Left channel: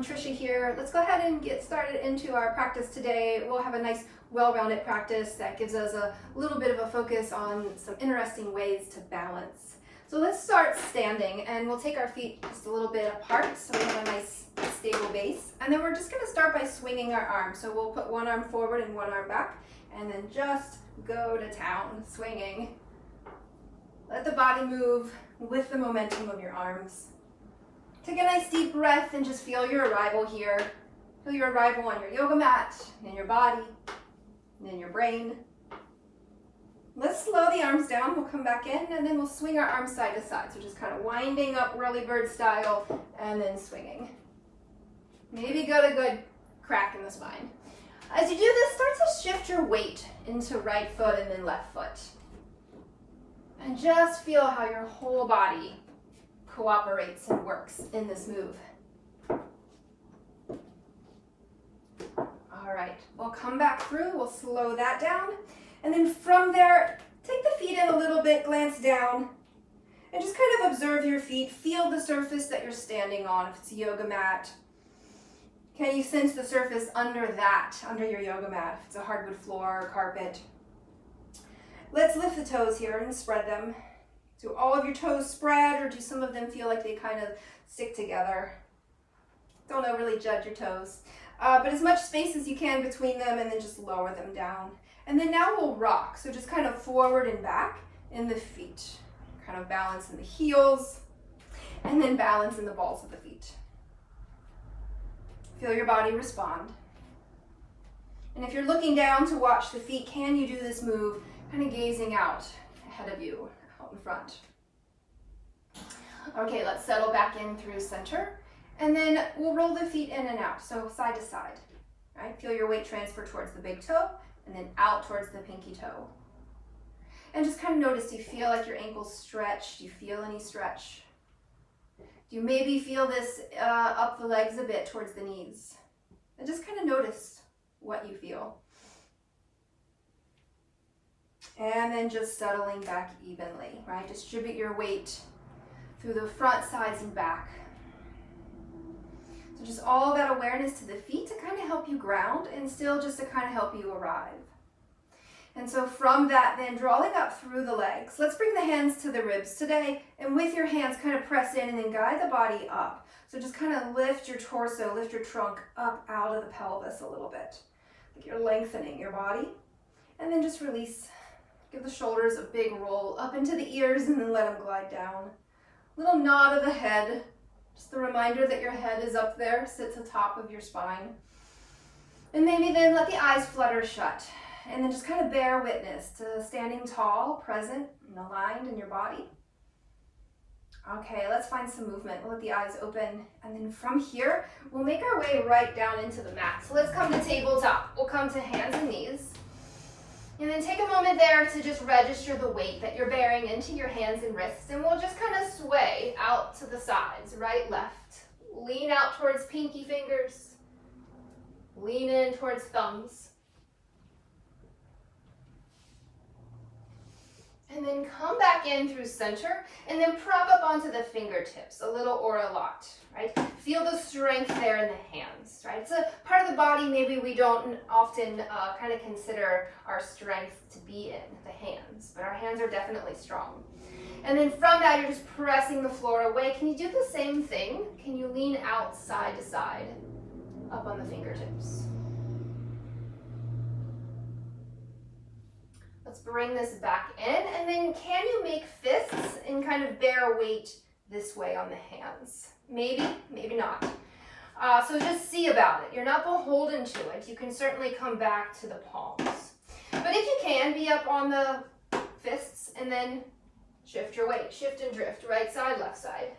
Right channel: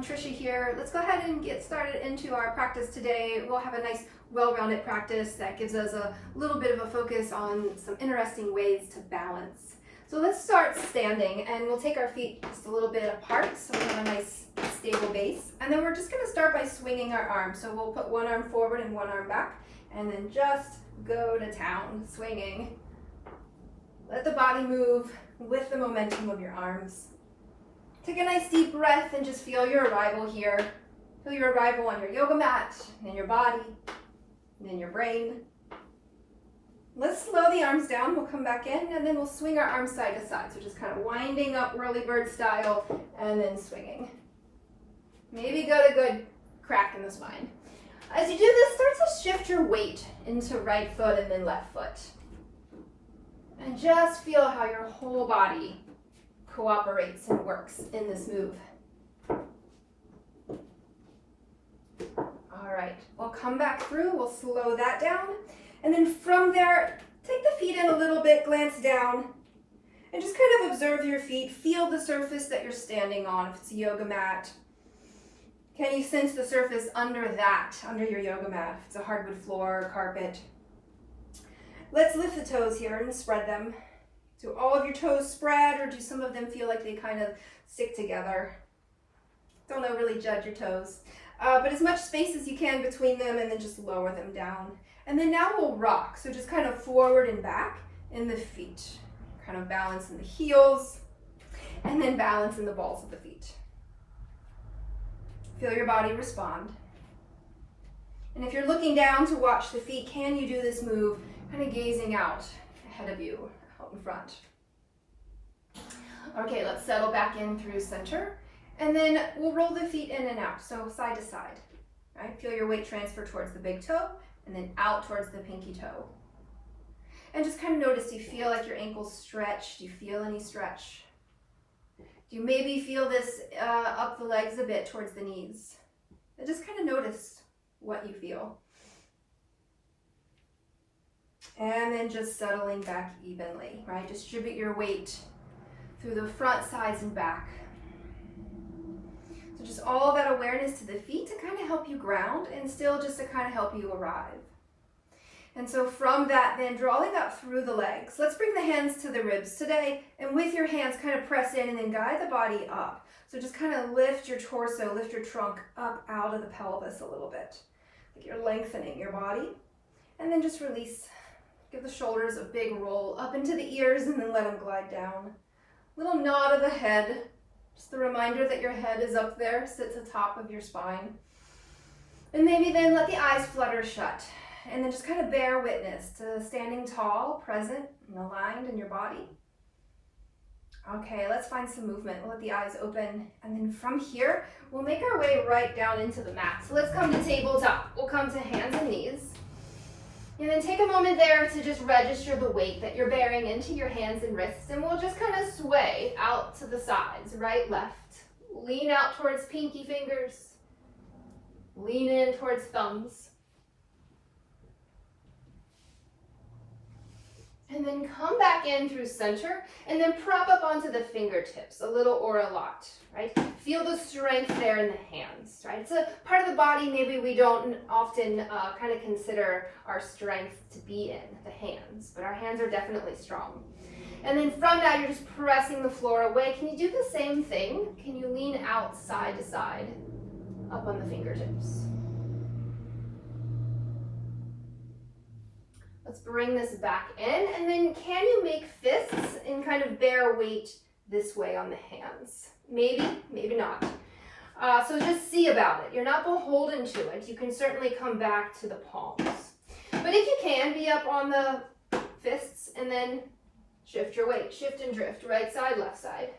everyone, Trisha here. Let's go ahead and get started into our practice today. We'll have a nice well-rounded practice that gives us a little bit of a focus on some interesting ways to balance. So let's start standing, and we'll take our feet just a little bit apart so we have a nice stable base. And then we're just going to start by swinging our arms. So we'll put one arm forward and one arm back, and then just go to town, swinging. Let the body move with the momentum of your arms. Take a nice deep breath and just feel your arrival here. Feel your arrival on your yoga mat, in your body, and in your brain. Let's slow the arms down. We'll come back in, and then we'll swing our arms side to side. So just kind of winding up whirly bird style, and then swinging. Maybe got a good crack in the spine. As you do this, start to shift your weight into right foot and then left foot. And just feel how your whole body cooperates and works in this move. All right, we'll come back through, we'll slow that down, and then from there, take the feet in a little bit, glance down, and just kind of observe your feet. Feel the surface that you're standing on, if it's a yoga mat. Can you sense the surface under your yoga mat, if it's a hardwood floor or carpet? Let's lift the toes here and spread them. Do all of your toes spread, or do some of them feel like they kind of stick together? Don't overly judge your toes. But as much space as you can between them, and then just lower them down. And then now we'll rock. So just kind of forward and back in the feet. Kind of balance in the heels, and then balance in the balls of the feet. Feel your body respond. And if you're looking down to watch the feet, can you do this move kind of gazing out ahead of you? In front. Okay, let's settle back in through center, and then we'll roll the feet in and out, so side to side. Right? Feel your weight transfer towards the big toe, and then out towards the pinky toe. And just kind of notice, do you feel like your ankles stretch? Do you feel any stretch? Do you maybe feel this up the legs a bit towards the knees? And just kind of notice what you feel. And then just settling back evenly, right? Distribute your weight through the front, sides, and back. So just all that awareness to the feet to kind of help you ground, and still just to kind of help you arrive. And so from that, then drawing up through the legs. Let's bring the hands to the ribs today, and with your hands kind of press in and then guide the body up. So just kind of lift your torso, lift your trunk up out of the pelvis a little bit. Like you're lengthening your body. And then just release. Give the shoulders a big roll up into the ears, and then let them glide down. Little nod of the head. Just a reminder that your head is up there, sits atop of your spine. And maybe then let the eyes flutter shut. And then just kind of bear witness to standing tall, present, and aligned in your body. Okay, let's find some movement. We'll let the eyes open. And then from here, we'll make our way right down into the mat. So let's come to tabletop. We'll come to hands and knees. And then take a moment there to just register the weight that you're bearing into your hands and wrists, and we'll just kind of sway out to the sides, right, left. Lean out towards pinky fingers. Lean in towards thumbs. And then come back in through center, and then prop up onto the fingertips, a little or a lot, right? Feel the strength there in the hands, right? It's a part of the body maybe we don't often kind of consider our strength to be in, the hands, but our hands are definitely strong. And then from that, you're just pressing the floor away. Can you do the same thing? Can you lean out side to side, up on the fingertips? Let's bring this back in, and then can you make fists and kind of bear weight this way on the hands? Maybe, maybe not. So just see about it. You're not beholden to it. You can certainly come back to the palms. But if you can, be up on the fists and then shift your weight. Shift and drift, right side, left side.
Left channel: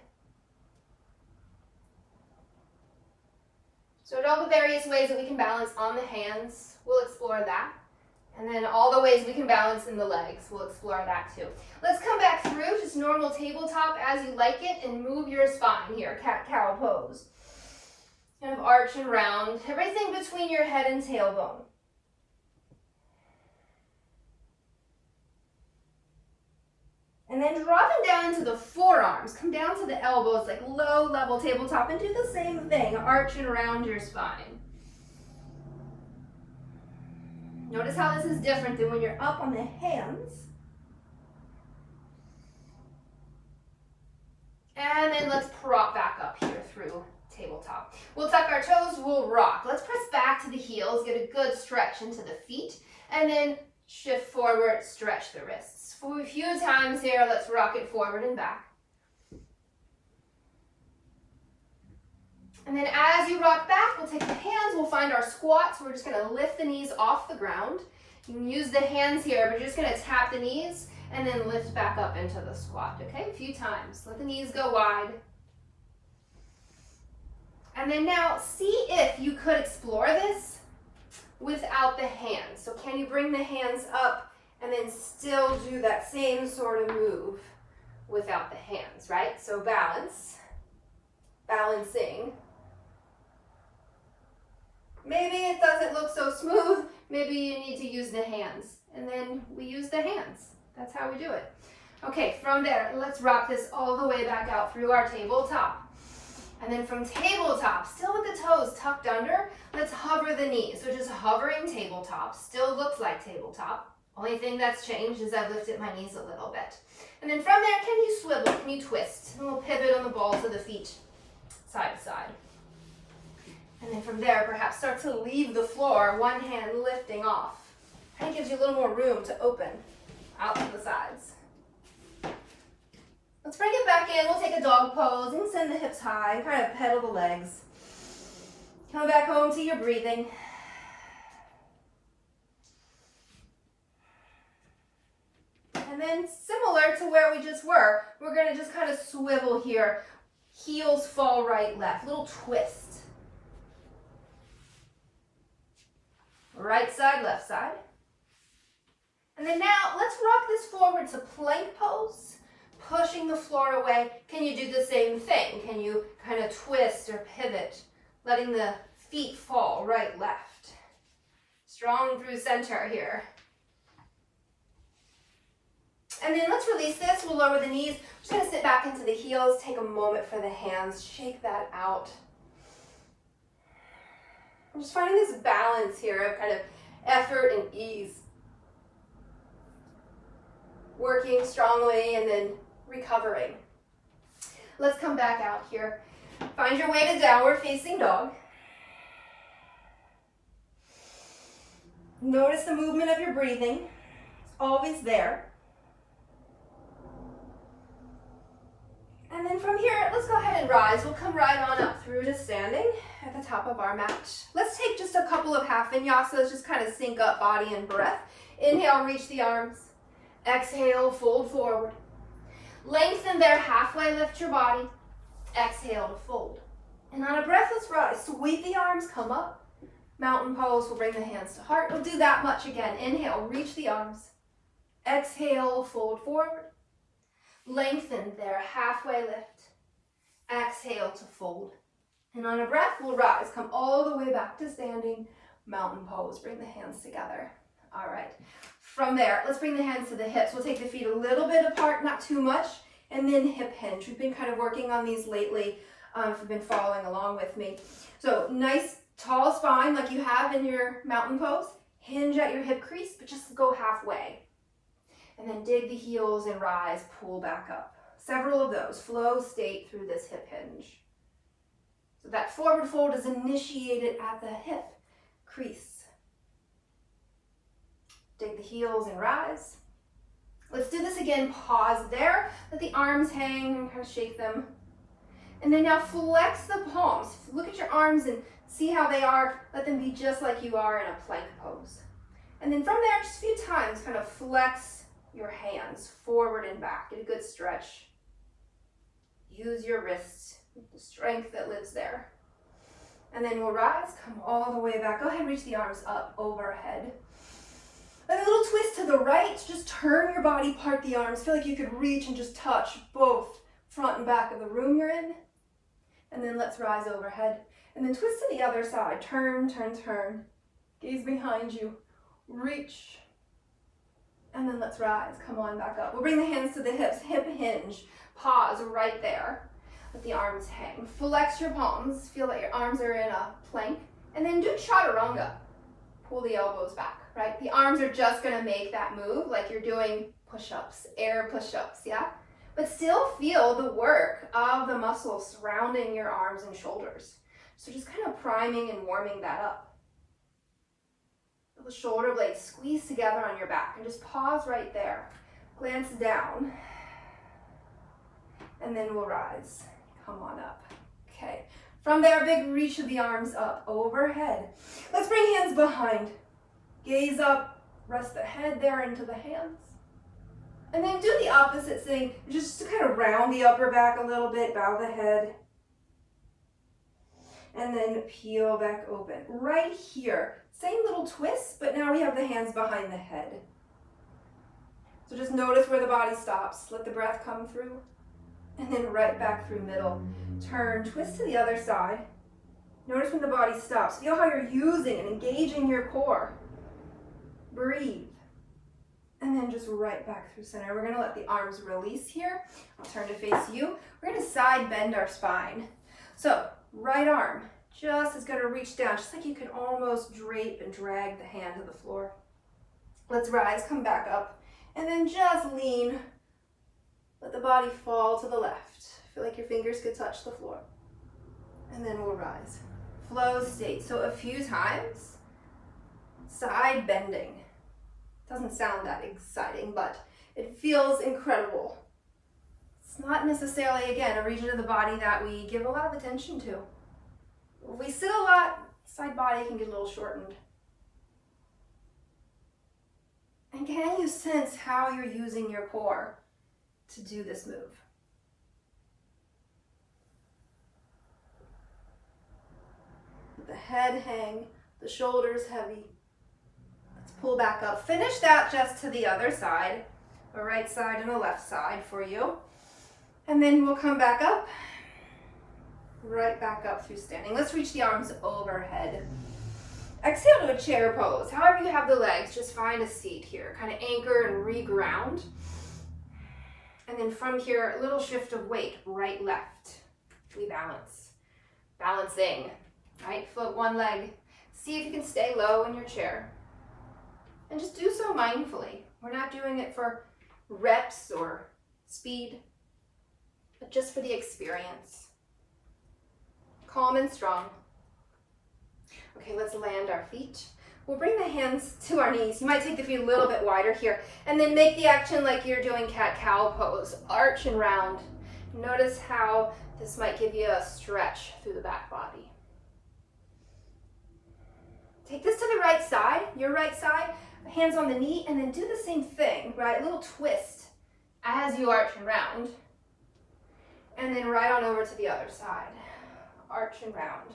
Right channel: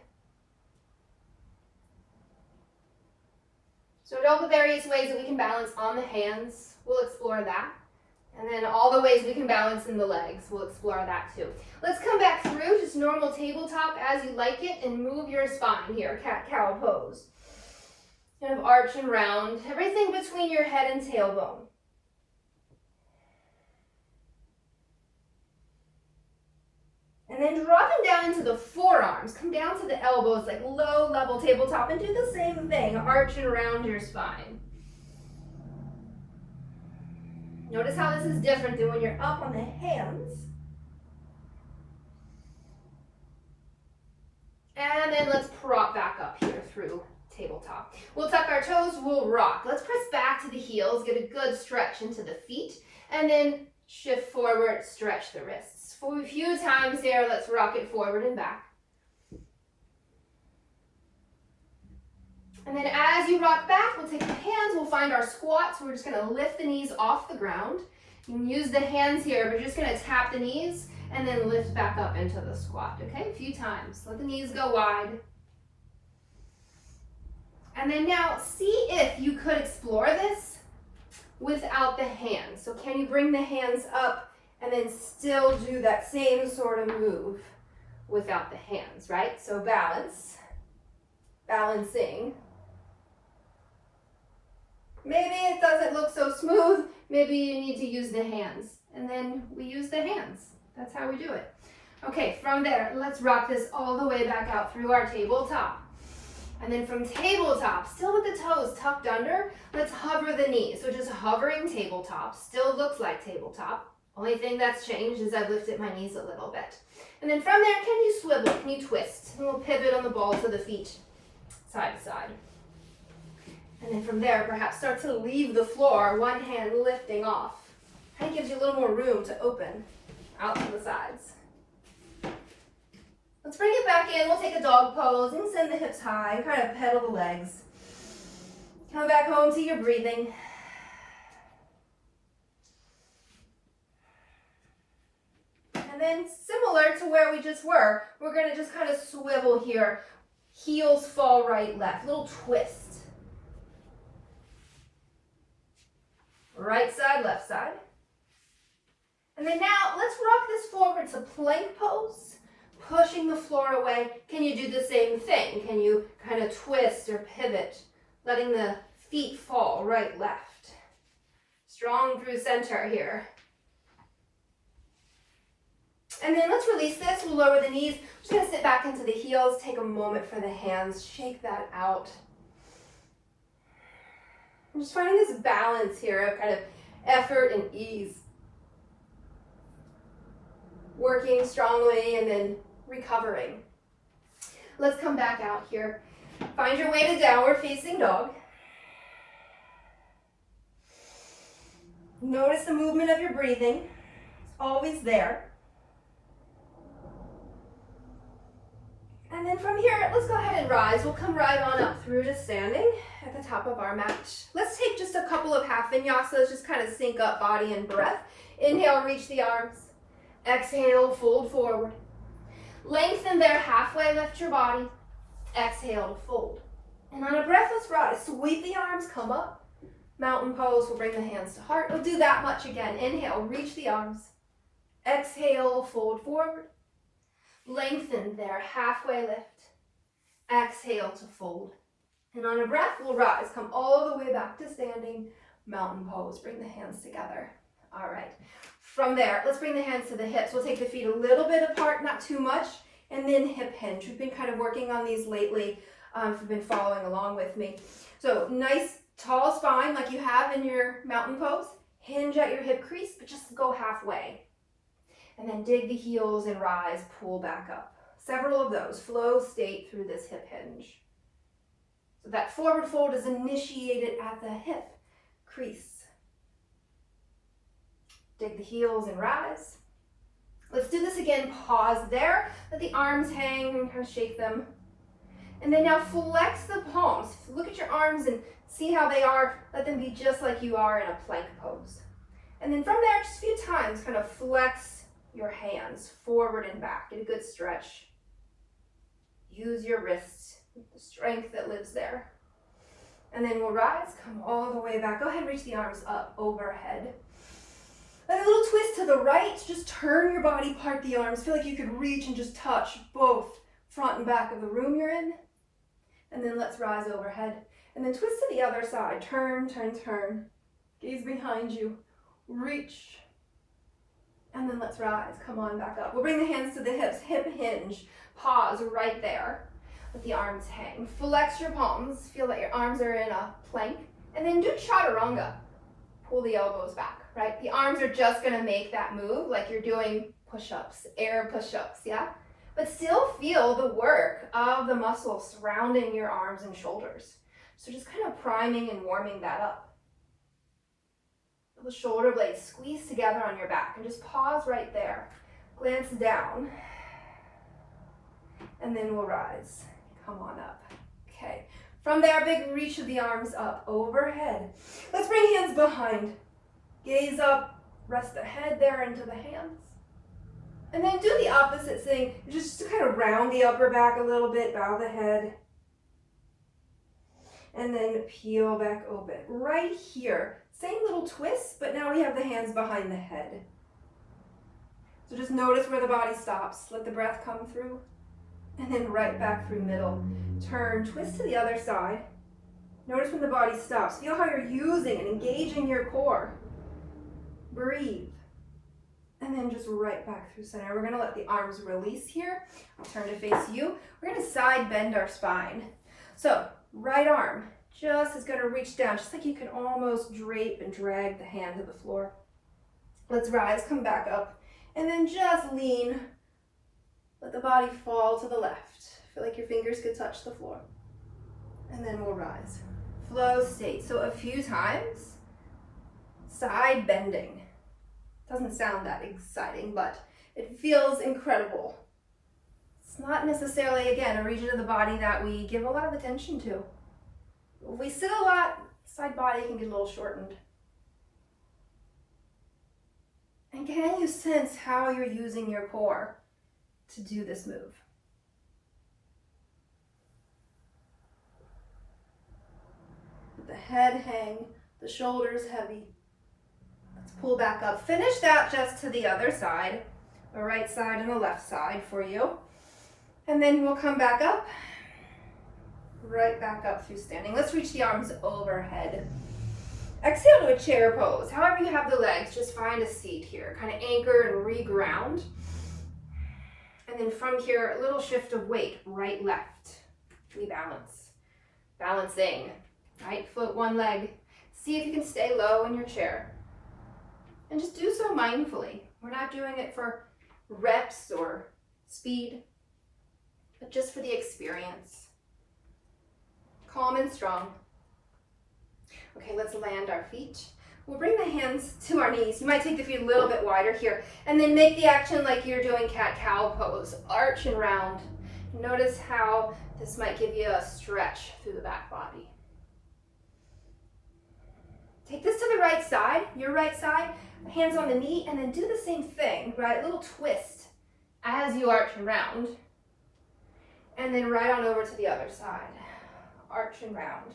So all the various ways that we can balance on the hands, we'll explore that. And then all the ways we can balance in the legs, we'll explore that too. Let's come back through, just normal tabletop as you like it, and move your spine here, cat-cow pose. Kind of arch and round, everything between your head and tailbone. And then dropping down into the forearm. arms. Come down to the elbows like low level tabletop and do the same thing, arching around your spine. Notice how this is different than when you're up on the hands. And then let's prop back up here through tabletop. We'll tuck our toes, we'll rock. Let's press back to the heels, get a good stretch into the feet, and then shift forward, stretch the wrists. For a few times here, let's rock it forward and back. And then as you rock back, we'll take the hands, we'll find our squat. So we're just gonna lift the knees off the ground. You can use the hands here, but you're just gonna tap the knees and then lift back up into the squat, okay? A few times. Let the knees go wide. And then now see if you could explore this without the hands. So can you bring the hands up and then still do that same sort of move without the hands, right? So balance, balancing. Maybe it doesn't look so smooth. Maybe you need to use the hands. And then we use the hands. That's how we do it. Okay, from there, let's rock this all the way back out through our tabletop. And then from tabletop, still with the toes tucked under, let's hover the knees. So just hovering tabletop, still looks like tabletop. Only thing that's changed is I've lifted my knees a little bit. And then from there, can you swivel, can you twist? And we'll pivot on the balls of the feet, side to side. And then from there, perhaps start to leave the floor, one hand lifting off. Kind of gives you a little more room to open out to the sides. Let's bring it back in. We'll take a dog pose and send the hips high, kind of pedal the legs. Come back home to your breathing. And then similar to where we just were, we're going to just kind of swivel here. Heels fall right, left, little twist. Right side, left side. And then now let's rock this forward to plank pose, pushing the floor away. Can you do the same thing? Can you kind of twist or pivot, letting the feet fall right, left? Strong through center here. And then let's release this. We'll lower the knees. We're just going to sit back into the heels. Take a moment for the hands. Shake that out. I'm just finding this balance here of kind of effort and ease. Working strongly and then recovering. Let's come back out here. Find your way to downward facing dog. Notice the movement of your breathing. It's always there. And then from here, let's go ahead and rise. We'll come right on up through to standing at the top of our mat. Let's take just a couple of half vinyasas, just kind of sync up body and breath. Inhale, reach the arms. Exhale, fold forward. Lengthen there, halfway lift your body. Exhale to fold. And on a breath, let's rise. Sweep the arms, come up. Mountain pose, we'll bring the hands to heart. We'll do that much again. Inhale, reach the arms. Exhale, fold forward. Lengthen there, halfway lift. Exhale to fold. And on a breath, we'll rise. Come all the way back to standing. Mountain pose, bring the hands together. All right. From there, let's bring the hands to the hips. We'll take the feet a little bit apart, not too much, and then hip hinge. We've been kind of working on these lately if you've been following along with me. So nice tall spine like you have in your mountain pose. Hinge at your hip crease, but just go halfway. And then dig the heels and rise, pull back up. Several of those. Flow state through this hip hinge. So that forward fold is initiated at the hip crease. Dig the heels and rise. Let's do this again. Pause there. Let the arms hang and kind of shake them. And then now flex the palms. Look at your arms and see how they are. Let them be just like you are in a plank pose. And then from there, just a few times, kind of flex your hands forward and back. Get a good stretch. Use your wrists, the strength that lives there. And then we'll rise, come all the way back. Go ahead and reach the arms up overhead. A little twist to the right, just turn your body, part the arms. Feel like you could reach and just touch both front and back of the room you're in. And then let's rise overhead. And then twist to the other side. Turn, turn, turn. Gaze behind you. Reach. And then let's rise. Come on back up. We'll bring the hands to the hips. Hip hinge. pause right there. Let the arms hang. Flex your palms. Feel that your arms are in a plank. And then do chaturanga. Pull the elbows back, right? The arms are just gonna make that move like you're doing push-ups, air push-ups, yeah? But still feel the work of the muscles surrounding your arms and shoulders. So just kind of priming and warming that up. Feel the shoulder blades squeeze together on your back and just pause right there. Glance down. And then we'll rise. Come on up. Okay. From there, big reach of the arms up, overhead. Let's bring hands behind. Gaze up, rest the head there into the hands. And then do the opposite thing, just to kind of round the upper back a little bit, bow the head. And then peel back open. Right here, same little twist, but now we have the hands behind the head. So just notice where the body stops. Let the breath come through. And then right back through middle. Turn, twist to the other side. Notice when the body stops. Feel how you're using and engaging your core. Breathe. And then just right back through center. We're gonna let the arms release here. I'll turn to face you. We're gonna side bend our spine. So, right arm just is gonna reach down, just like you can almost drape and drag the hand to the floor. Let's rise, come back up, and then just lean. Let the body fall to the left. Feel like your fingers could touch the floor. And then we'll rise. Flow state. So a few times, side bending. Doesn't sound that exciting, but it feels incredible. It's not necessarily, again, a region of the body that we give a lot of attention to. If we sit a lot, side body can get a little shortened. And can you sense how you're using your core to do this move? The head hang, the shoulders heavy. Let's pull back up. Finish that just to the other side, the right side and the left side for you. And then we'll come back up, right back up through standing. Let's reach the arms overhead. Exhale to a chair pose. However you have the legs, just find a seat here. Kind of anchor and reground. And then from here, a little shift of weight, right, left. Rebalance. Balancing, right? Float one leg. See if you can stay low in your chair. And just do so mindfully. We're not doing it for reps or speed, but just for the experience. Calm and strong. Okay, let's land our feet. We'll bring the hands to our knees. You might take the feet a little bit wider here, and then make the action like you're doing cat-cow pose. Arch and round. Notice how this might give you a stretch through the back body. Take this to the right side, your right side, hands on the knee, and then do the same thing, right? A little twist as you arch and round. And then right on over to the other side. Arch and round.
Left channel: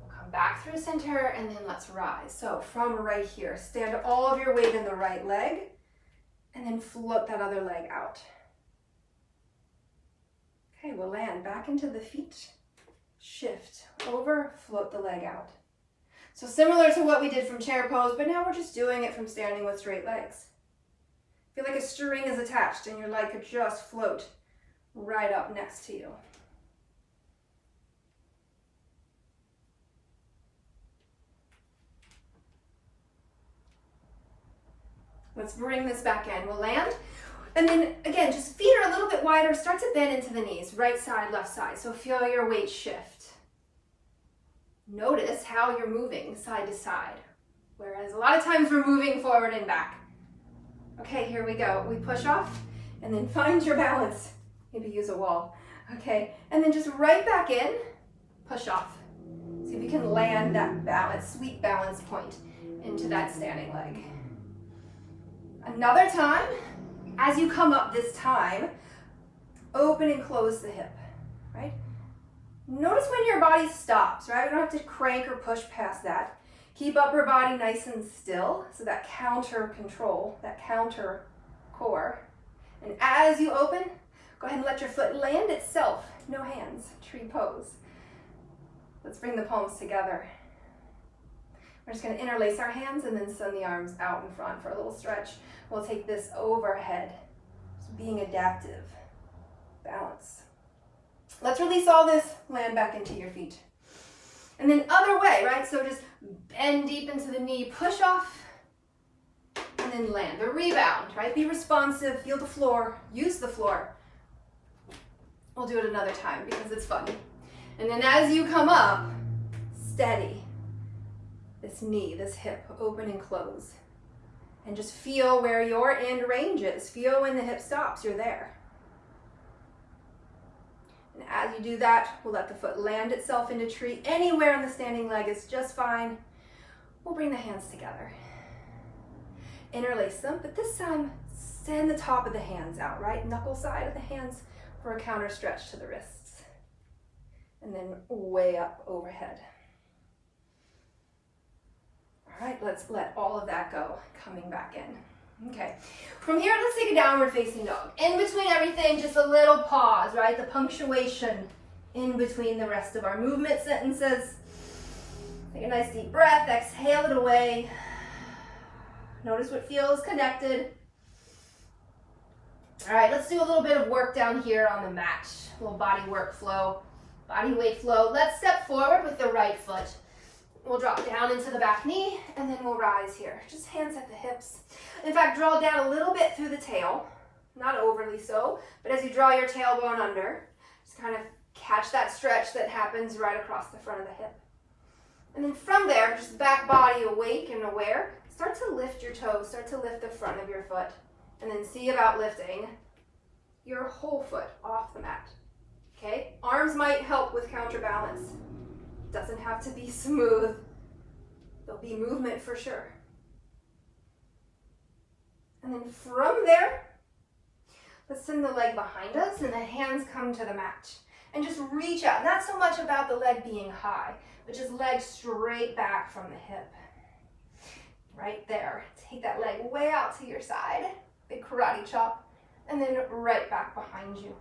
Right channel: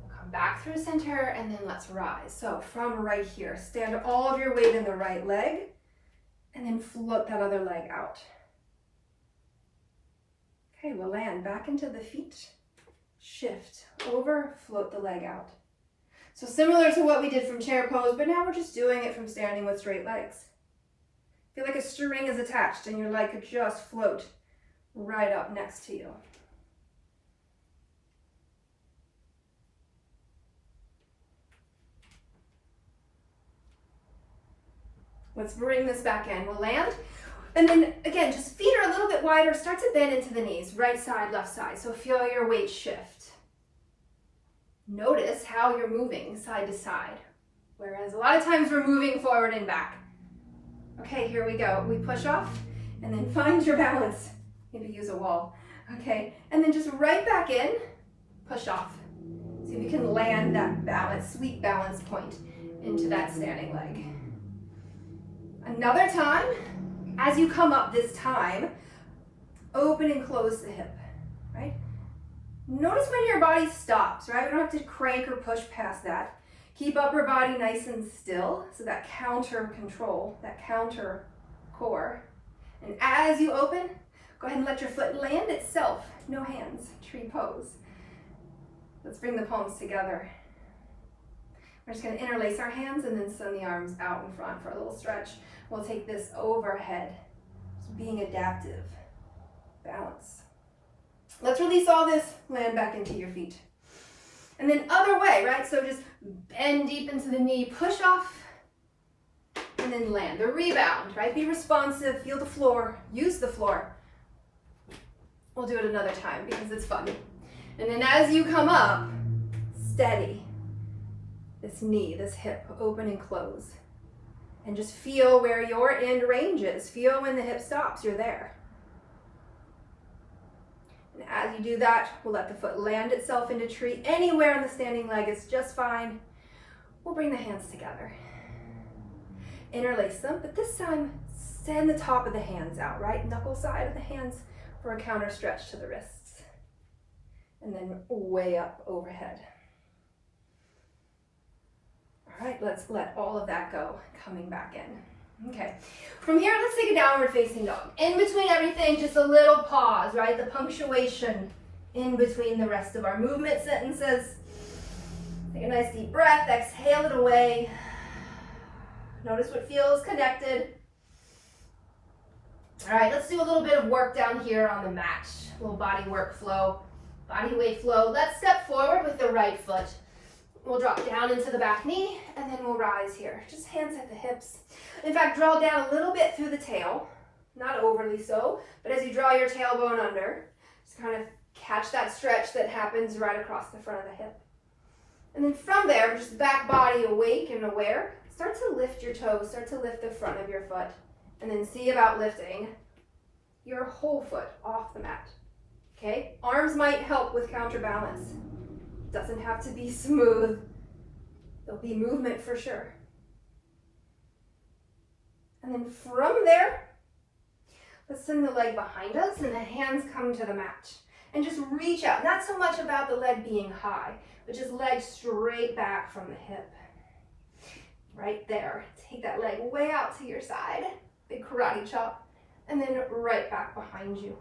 We'll come back through center, and then let's rise. So from right here, stand all of your weight in the right leg, and then float that other leg out. Okay, we'll land back into the feet. Shift over, float the leg out. So similar to what we did from chair pose, but now we're just doing it from standing with straight legs. Feel like a string is attached and your leg could just float right up next to you. Let's bring this back in. We'll land. And then again, just feet are a little bit wider. Start to bend into the knees, right side, left side. So feel your weight shift. Notice how you're moving side to side. Whereas a lot of times we're moving forward and back. Okay, here we go. We push off and then find your balance. Maybe use a wall. Okay, and then just right back in, push off. See if you can land that balance, sweet balance point into that standing leg. Another time, as you come up this time, open and close the hip, right? Notice when your body stops, right? We don't have to crank or push past that. Keep upper body nice and still, so that counter control, that counter core. And as you open, go ahead and let your foot land itself. No hands, tree pose. Let's bring the palms together. We're just going to interlace our hands and then send the arms out in front for a little stretch. We'll take this overhead, just being adaptive. Balance. Let's release all this, land back into your feet. And then other way, right? So just bend deep into the knee, push off, and then land. The rebound, right? Be responsive, feel the floor, use the floor. We'll do it another time because it's fun. And then as you come up, steady. This knee, this hip, open and close. And just feel where your end range is. Feel when the hip stops, you're there. And as you do that, we'll let the foot land itself into tree. Anywhere in the standing leg is just fine. We'll bring the hands together. Interlace them, but this time send the top of the hands out, right? Knuckle side of the hands for a counter stretch to the wrists. And then way up overhead. All right, let's let all of that go, coming back in. Okay, from here, let's take a downward facing dog. In between everything, just a little pause, right? The punctuation in between the rest of our movement sentences. Take a nice deep breath, exhale it away. Notice what feels connected. All right, let's do a little bit of work down here on the mat. A little body work flow, body weight flow. Let's step forward with the right foot. We'll drop down into the back knee, and then we'll rise here. Just hands at the hips. In fact, draw down a little bit through the tail, not overly so, but as you draw your tailbone under, just kind of catch that stretch that happens right across the front of the hip. And then from there, just back body awake and aware, start to lift your toes, start to lift the front of your foot, and then see about lifting your whole foot off the mat. Okay? Arms might help with counterbalance. Doesn't have to be smooth. There'll be movement for sure. And then from there, let's send the leg behind us and the hands come to the mat. And just reach out. Not so much about the leg being high, but just leg straight back from the hip. Right there. Take that leg way out to your side. Big karate chop. And then right back behind you.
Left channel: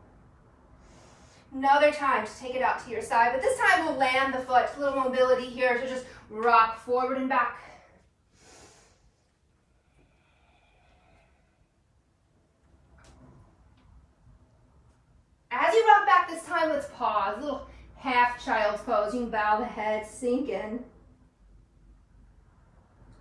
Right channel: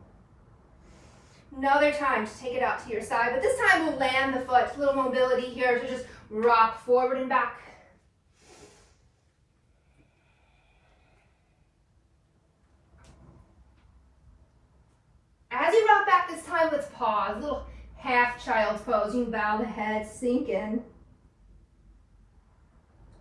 Another time to take it out to your side, but this time we'll land the foot. A little mobility here to just rock forward and back. As you rock back this time, let's pause. A little half child's pose. You can bow the head, sink in.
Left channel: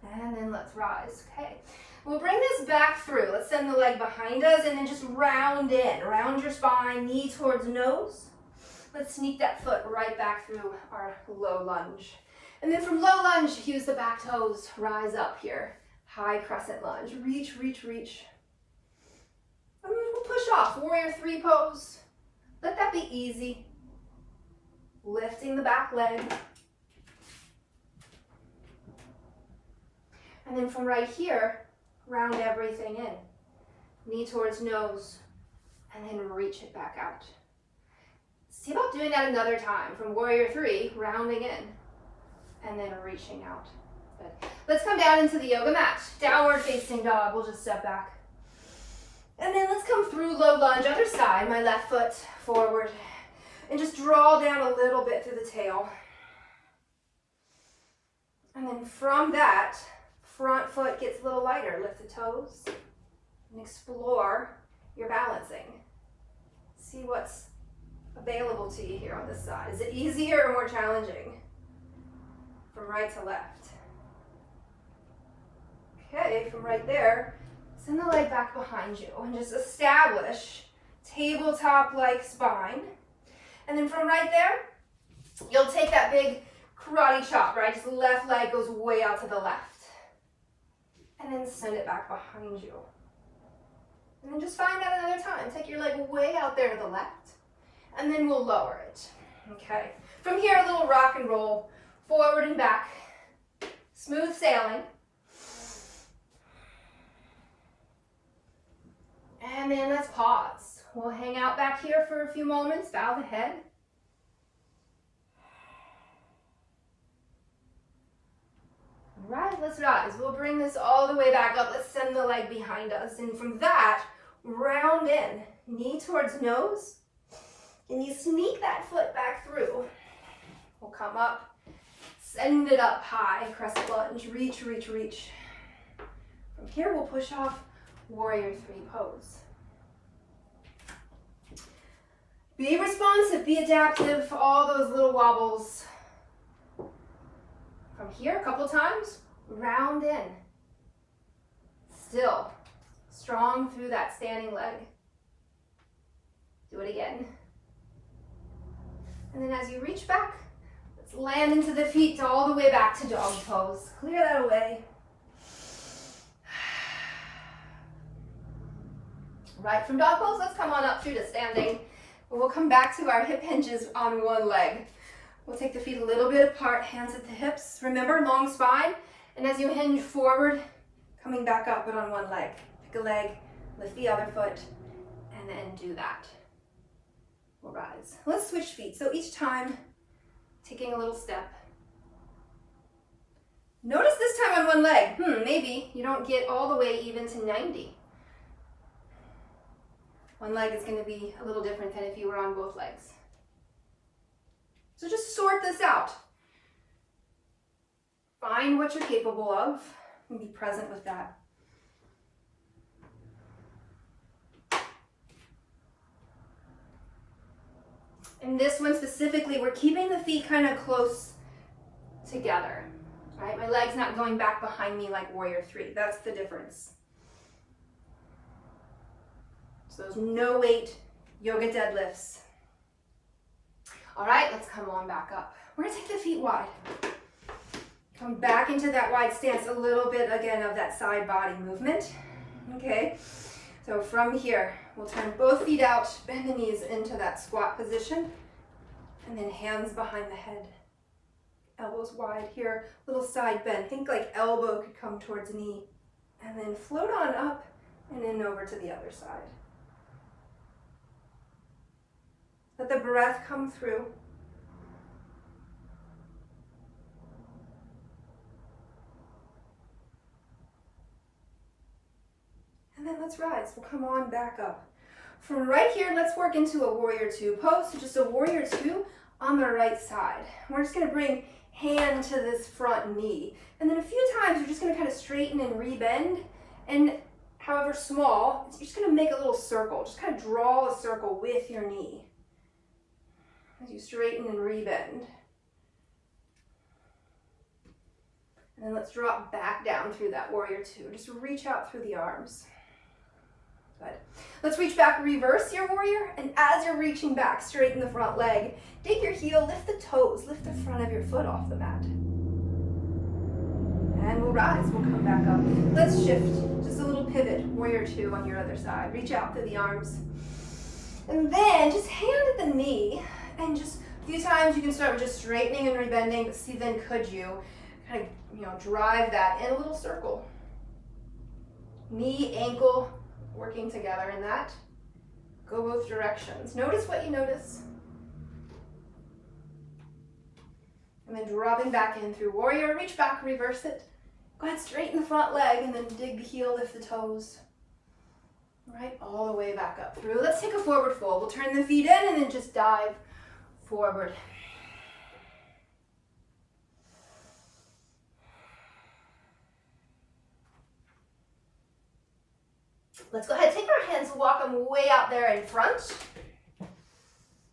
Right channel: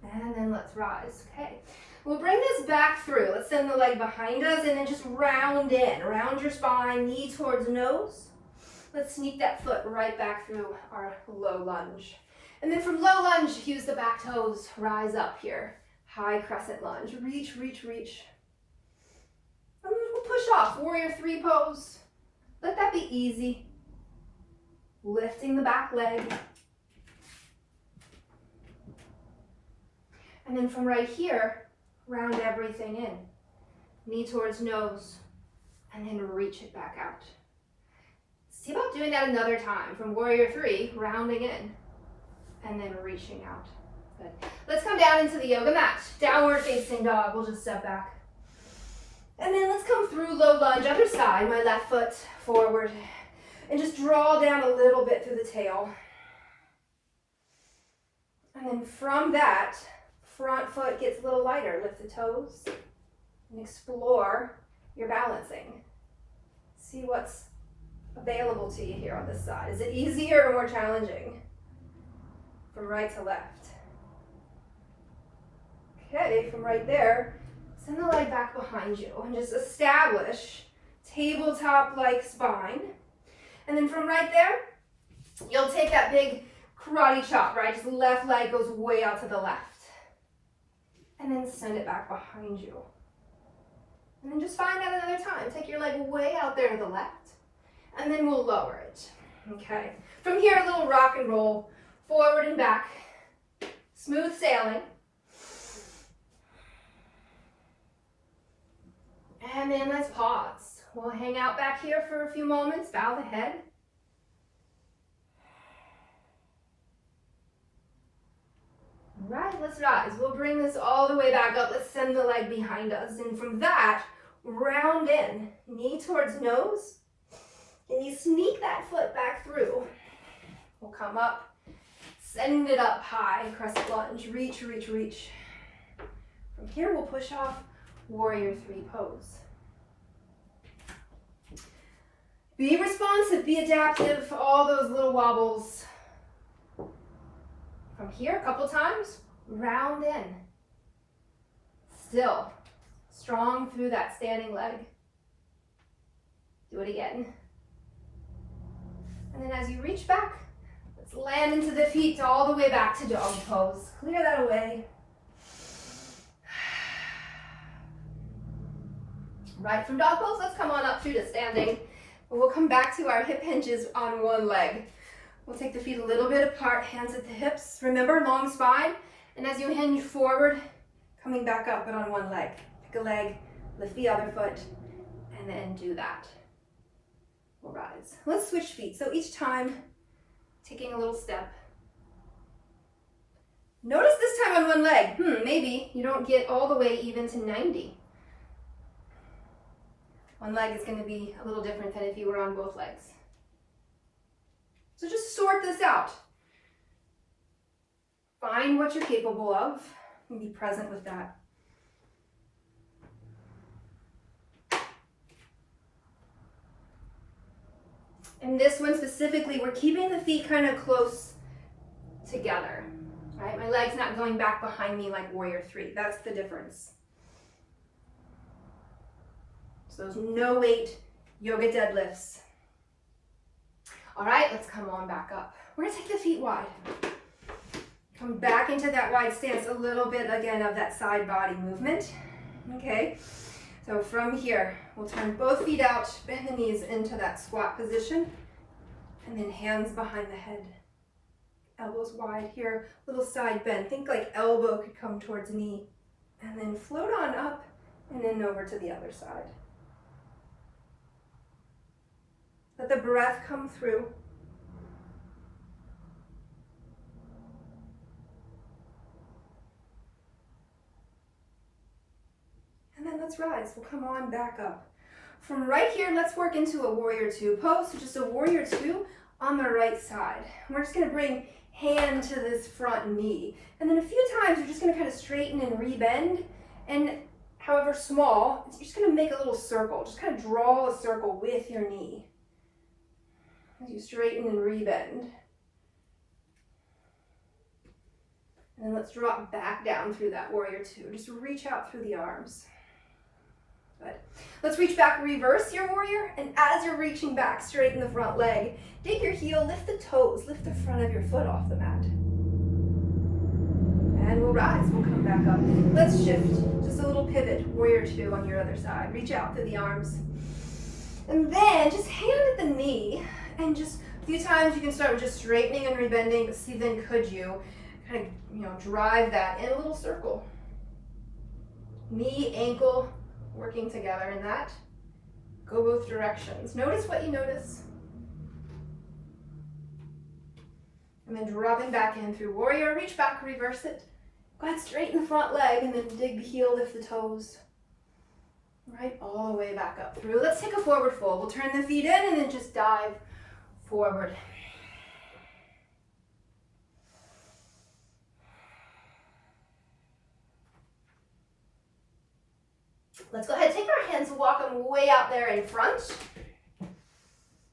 And then let's rise. Okay. We'll bring this back through. Let's send the leg behind us and then just round in. Round your spine, knee towards nose. Let's sneak that foot right back through our low lunge. And then from low lunge, use the back toes, rise up here. High crescent lunge. Reach, reach, reach. And then we'll push off. Warrior 3 pose. Let that be easy. Lifting the back leg. And then from right here, round everything in. Knee towards nose, and then reach it back out. See about doing that another time. From Warrior 3, rounding in, and then reaching out. Good. Let's come down into the yoga mat. Downward facing dog. We'll just step back. And then let's come through low lunge, other side, my left foot forward. And just draw down a little bit through the tail. And then from that, front foot gets a little lighter. Lift the toes and explore your balancing. See what's available to you here on this side. Is it easier or more challenging? From right to left. Okay, from right there, send the leg back behind you and just establish tabletop-like spine. And then from right there, you'll take that big karate chop, right? Just the left leg goes way out to the left. And then send it back behind you. And then just find that another time. Take your leg way out there to the left. And then we'll lower it. Okay. From here, a little rock and roll. Forward and back. Smooth sailing. And then let's pause. We'll hang out back here for a few moments. Bow the head. Right, let's rise. We'll bring this all the way back up. Let's send the leg behind us. And from that, round in. Knee towards nose. And you sneak that foot back through. We'll come up. Send it up high, crescent lunge, reach, reach, reach. From here, we'll push off warrior three pose. Be responsive, be adaptive, all those little wobbles. From here, a couple times, round in. Still, strong through that standing leg. Do it again. And then as you reach back, let's land into the feet all the way back to doggy pose. Clear that away. Right from dog pose, let's come on up through to standing. We'll come back to our hip hinges on one leg. We'll take the feet a little bit apart, hands at the hips. Remember, long spine. And as you hinge forward, coming back up, but on one leg. Pick a leg, lift the other foot, and then do that. We'll rise. Let's switch feet. So each time, taking a little step. Notice this time on one leg. Maybe you don't get all the way even to 90. One leg is going to be a little different than if you were on both legs. So just sort this out. Find what you're capable of and be present with that. In this one specifically, we're keeping the feet kind of close together, right? My leg's not going back behind me like warrior three. That's the difference. So those no weight yoga deadlifts. All right, let's come on back up. We're gonna take the feet wide. Come back into that wide stance, a little bit again of that side body movement. Okay, so from here, we'll turn both feet out, bend the knees into that squat position, and then hands behind the head. Elbows wide here, little side bend. Think like elbow could come towards knee, and then float on up and then over to the other side. Let the breath come through. And then let's rise. We'll come on back up. From right here, let's work into a warrior two pose. So just a warrior two on the right side. We're just gonna bring hand to this front knee. And then a few times, you're just gonna kind of straighten and rebend. And however small, you're just gonna make a little circle. Just kind of draw a circle with your knee as you straighten and rebend. And then let's drop back down through that warrior two. Just reach out through the arms. Good. Let's reach back, reverse your warrior, and as you're reaching back, straighten the front leg. Dig your heel, lift the toes, lift the front of your foot off the mat. And we'll rise, we'll come back up. Let's shift, just a little pivot, warrior two on your other side. Reach out through the arms. And then just hand at the knee, and just a few times you can start with just straightening and rebending, but see then could you kind of, drive that in a little circle. Knee, ankle, working together in that. Go both directions. Notice what you notice. And then dropping back in through warrior, reach back, reverse it. Go ahead, straighten the front leg and then dig the heel, lift the toes. Right, all the way back up through. Let's take a forward fold. We'll turn the feet in and then just dive forward. Let's go ahead, take our hands and walk them way out there in front.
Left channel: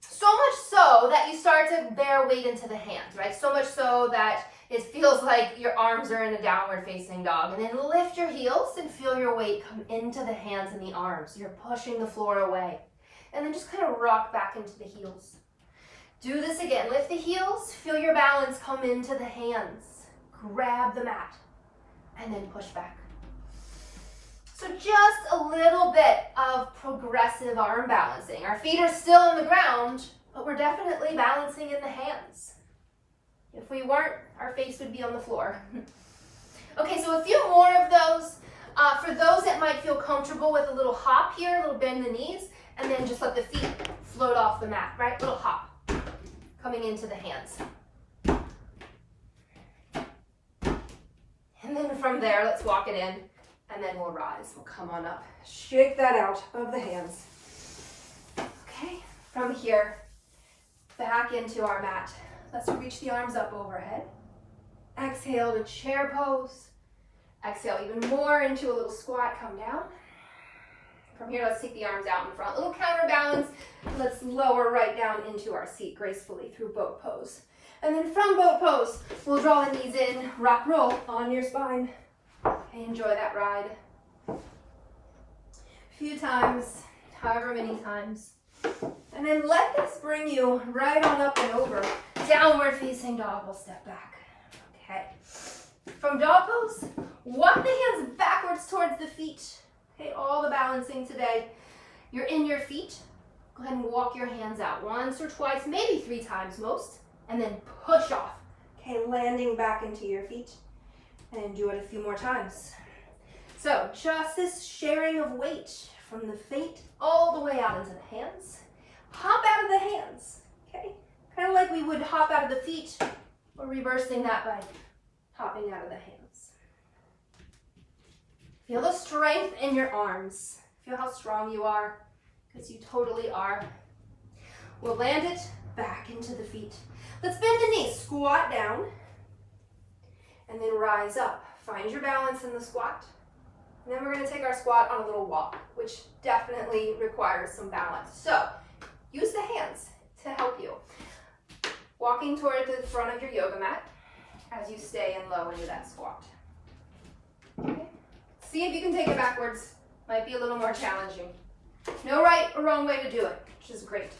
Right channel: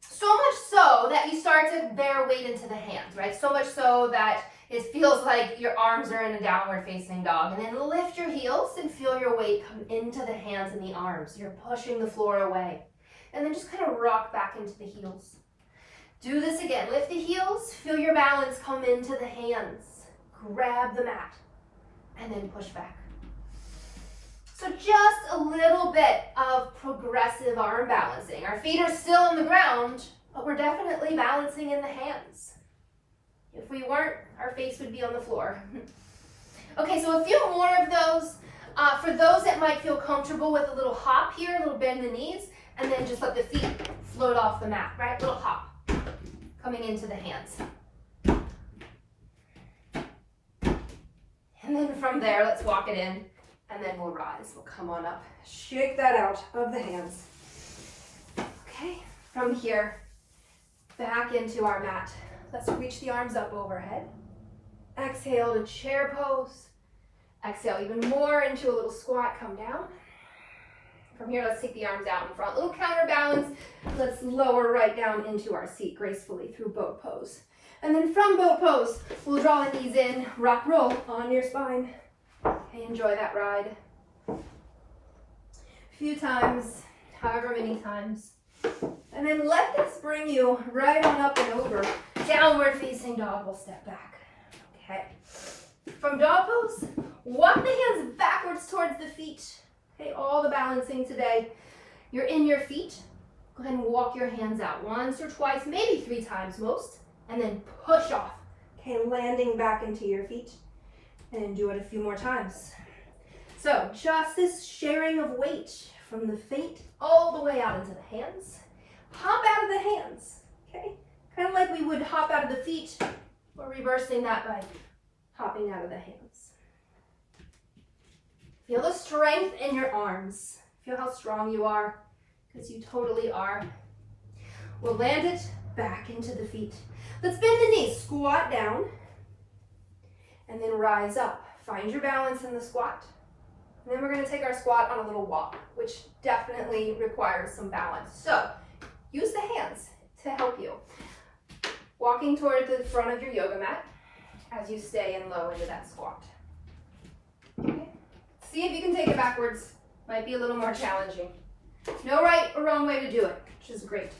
So much so that you start to bear weight into the hands, right? So much so that it feels like your arms are in a downward facing dog. And then lift your heels and feel your weight come into the hands and the arms. You're pushing the floor away. And then just kind of rock back into the heels. Do this again. Lift the heels, feel your balance come into the hands. Grab the mat and then push back. So just a little bit of progressive arm balancing. Our feet are still on the ground, but we're definitely balancing in the hands. If we weren't, our face would be on the floor. Okay, so a few more of those. For those that might feel comfortable with a little hop here, a little bend the knees, and then just let the feet float off the mat, right? Little hop, coming into the hands. And then from there, let's walk it in. And then we'll rise, we'll come on up. Shake that out of the hands. Okay, from here, back into our mat. Let's reach the arms up overhead. Exhale to chair pose. Exhale even more into a little squat, come down. From here, let's take the arms out in front. Little counterbalance. Let's lower right down into our seat gracefully through boat pose. And then from boat pose, we'll draw the knees in, rock roll on your spine. Okay, enjoy that ride. A few times, however many times. And then let this bring you right on up and over. Downward facing dog, we'll step back. Okay. From dog pose, walk the hands backwards towards the feet. Okay, all the balancing today. You're in your feet. Go ahead and walk your hands out once or twice, maybe 3 times most, and then push off. Okay, landing back into your feet, and do it a few more times. So just this sharing of weight from the feet all the way out into the hands. Hop out of the hands, okay? Kind of like we would hop out of the feet. We're reversing that by hopping out of the hands. Feel the strength in your arms. Feel how strong you are, because you totally are. We'll land it back into the feet. Let's bend the knees, squat down, and then rise up. Find your balance in the squat. And then we're going to take our squat on a little walk, which definitely requires some balance. So use the hands to help you. Walking toward the front of your yoga mat as you stay in low into that squat. Okay. See if you can take it backwards. Might be a little more challenging. No right or wrong way to do it, which is great.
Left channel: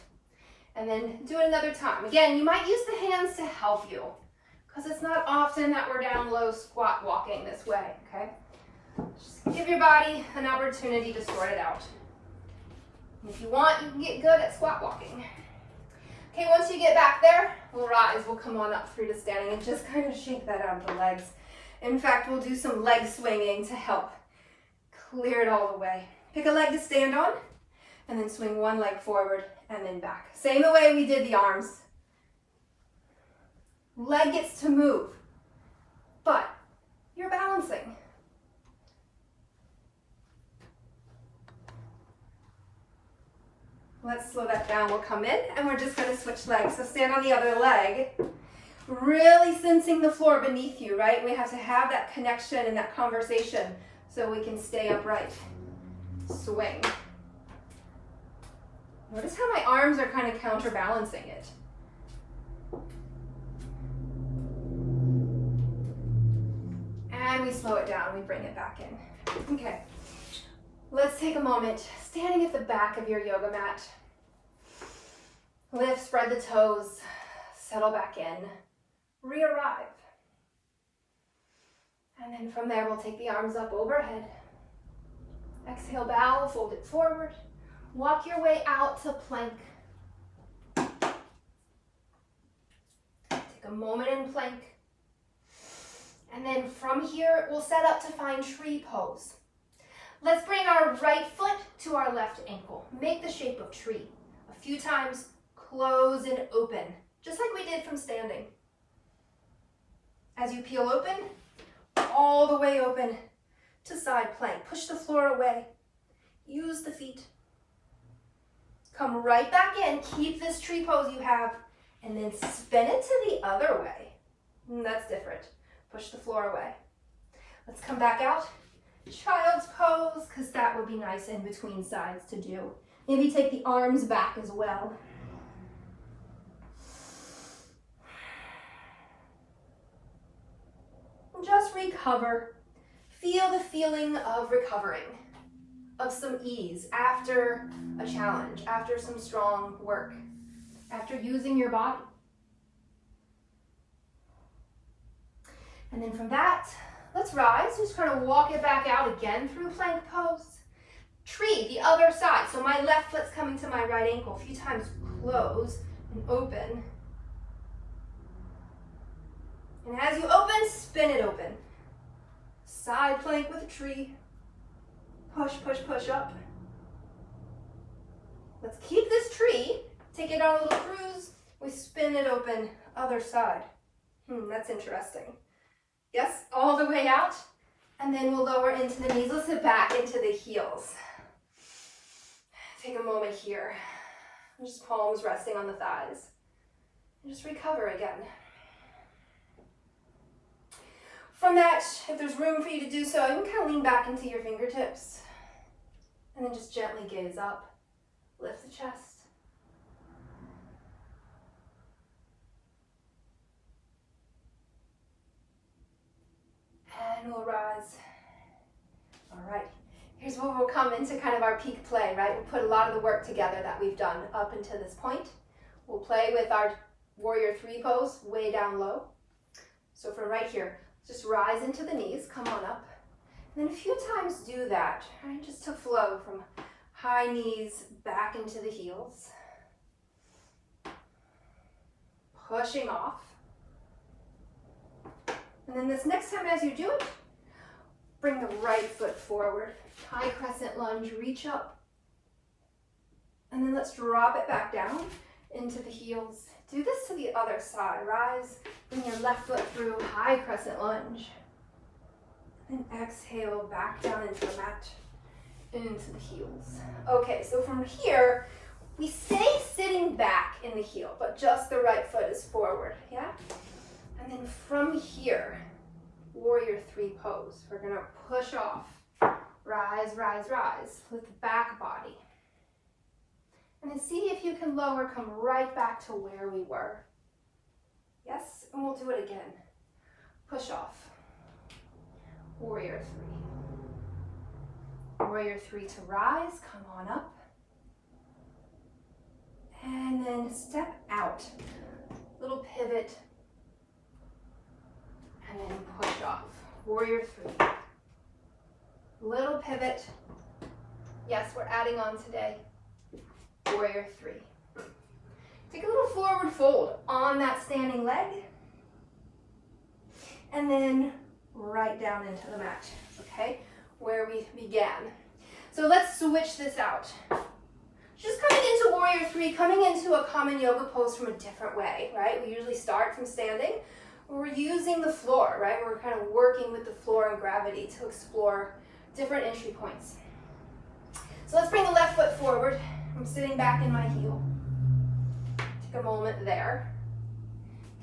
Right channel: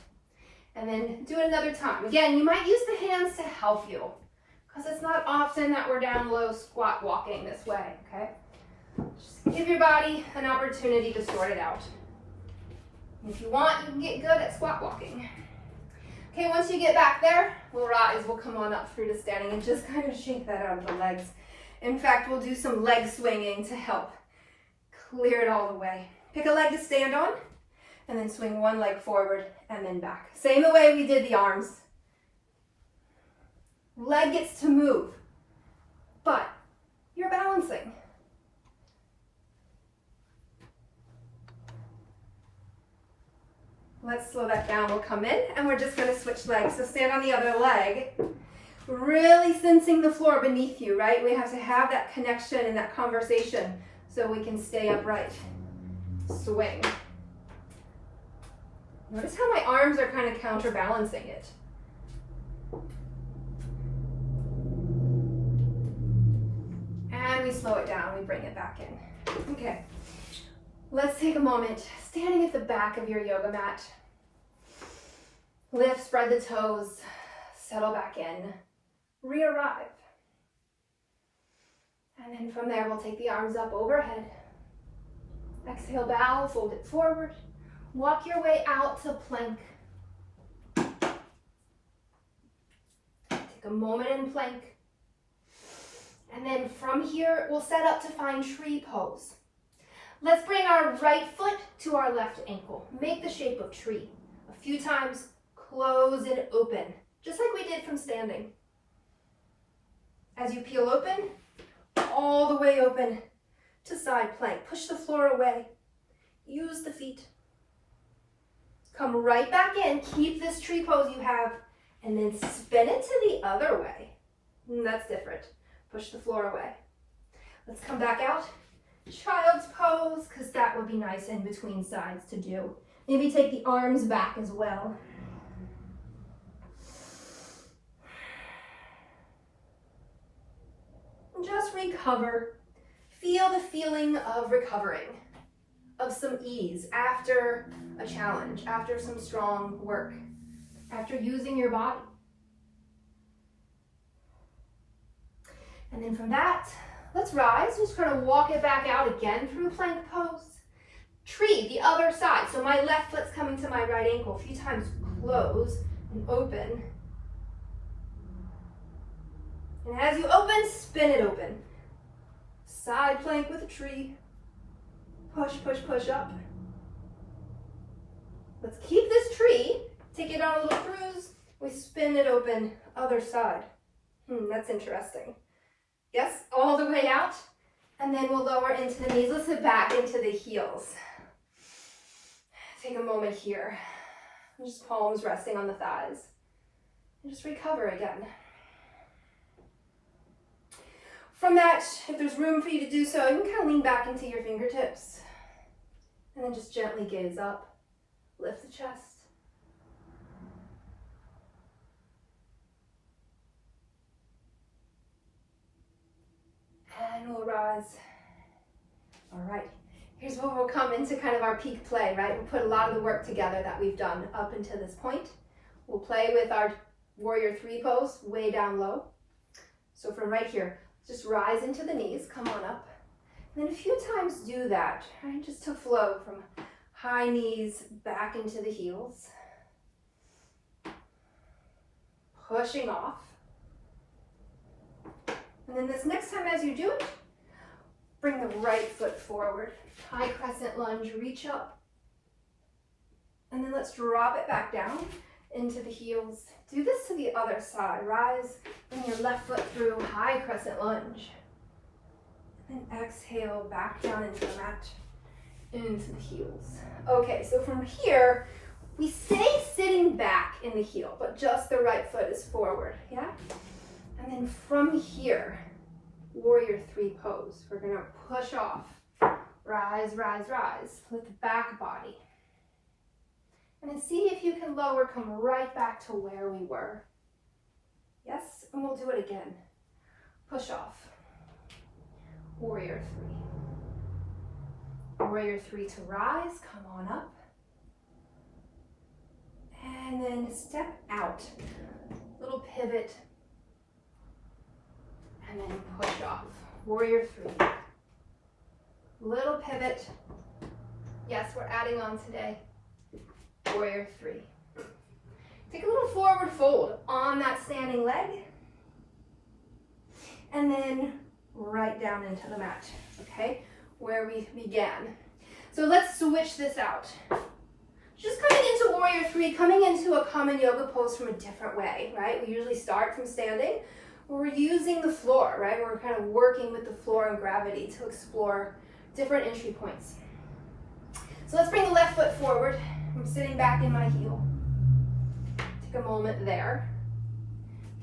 And then do it another time. Again, you might use the hands to help you, because it's not often that we're down low squat walking this way, okay? Just give your body an opportunity to sort it out. And if you want, you can get good at squat walking. Okay, once you get back there, we'll rise. We'll come on up through to standing and just kind of shake that out of the legs. In fact, we'll do some leg swinging to help clear it all the way. Pick a leg to stand on, and then swing one leg forward and then back. Same the way we did the arms. Leg gets to move, but you're balancing. Let's slow that down. We'll come in and we're just going to switch legs. So stand on the other leg, really sensing the floor beneath you, right? We have to have that connection and that conversation so we can stay upright. Swing. Notice how my arms are kind of counterbalancing it. And we slow it down. We bring it back in. Okay. Let's take a moment, standing at the back of your yoga mat. Lift, spread the toes, settle back in, re-arrive. And then from there, we'll take the arms up overhead. Exhale, bow, fold it forward. Walk your way out to plank. Take a moment in plank. And then from here, we'll set up to find tree pose. Let's bring our right foot to our left ankle. Make the shape of tree. A few times, close and open, just like we did from standing. As you peel open, all the way open to side plank. Push the floor away. Use the feet. Come right back in. Keep this tree pose you have, and then spin it to the other way. That's different. Push the floor away. Let's come back out. Child's pose, because that would be nice in between sides to do. Maybe take the arms back as well. And just recover. Feel the feeling of recovering, of some ease after a challenge, after some strong work, after using your body. And then from that, let's rise. Just kind of walk it back out again through plank pose. Tree, the other side. So my left foot's coming to my right ankle. A few times, close and open. And as you open, spin it open. Side plank with a tree. Push, push, push up. Let's keep this tree. Take it on a little cruise. We spin it open, other side. That's interesting. Yes, all the way out. And then we'll lower into the knees. Let's sit back into the heels. Take a moment here. Just palms resting on the thighs. And just recover again. From that, if there's room for you to do so, you can kind of lean back into your fingertips. And then just gently gaze up, lift the chest. And we'll rise. All right, here's where we'll come into kind of our peak play, right? We'll put a lot of the work together that we've done up until this point. We'll play with our warrior 3 pose, way down low. So from right here, just rise into the knees, come on up. And then a few times do that, right? Just to flow from high knees back into the heels. Pushing off. And then this next time as you do it, bring the right foot forward. High crescent lunge, reach up. And then let's drop it back down into the heels. Do this to the other side. Rise, bring your left foot through, high crescent lunge. And exhale back down into the mat, into the heels. Okay, so from here, we stay sitting back in the heel, but just the right foot is forward, yeah? And then from here, warrior 3 pose. We're gonna push off, rise, rise, rise, with the back body. And then see if you can lower, come right back to where we were. Yes, and we'll do it again. Push off, warrior 3. Warrior 3 to rise, come on up. And then step out, little pivot, and then push off, warrior 3. Little pivot, yes, we're adding on today, warrior 3. Take a little forward fold on that standing leg, and then right down into the mat, okay, where we began. So let's switch this out. Just coming into warrior 3, coming into a common yoga pose from a different way, right? We usually start from standing. We're using the floor, right? We're kind of working with the floor and gravity to explore different entry points. So let's bring the left foot forward. I'm sitting back in my heel. Take a moment there.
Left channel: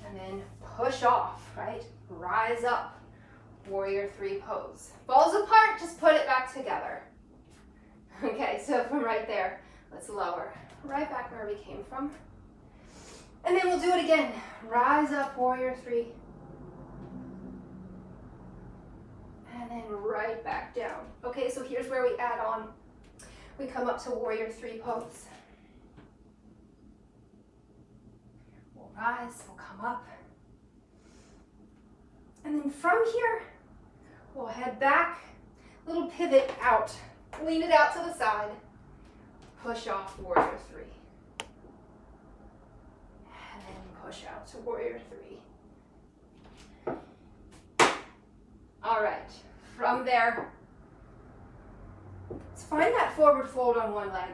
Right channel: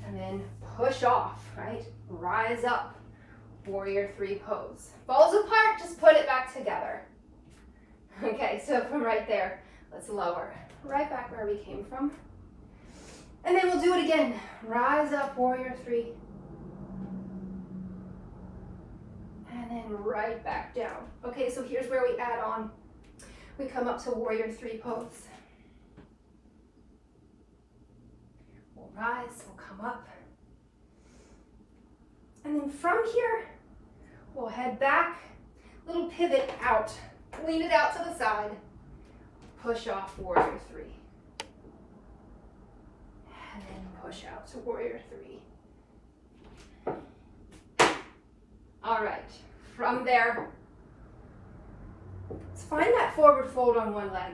And then push off, right? Rise up, warrior 3 pose. Balls apart, just put it back together. Okay, so from right there, let's lower, right back where we came from. And then we'll do it again. Rise up, warrior 3. And then right back down. Okay, so here's where we add on. We come up to warrior 3 pose. We'll rise, we'll come up. And then from here, we'll head back, little pivot out. Lean it out to the side. Push off, warrior 3. And then push out to warrior 3. All right, from there, let's find that forward fold on one leg.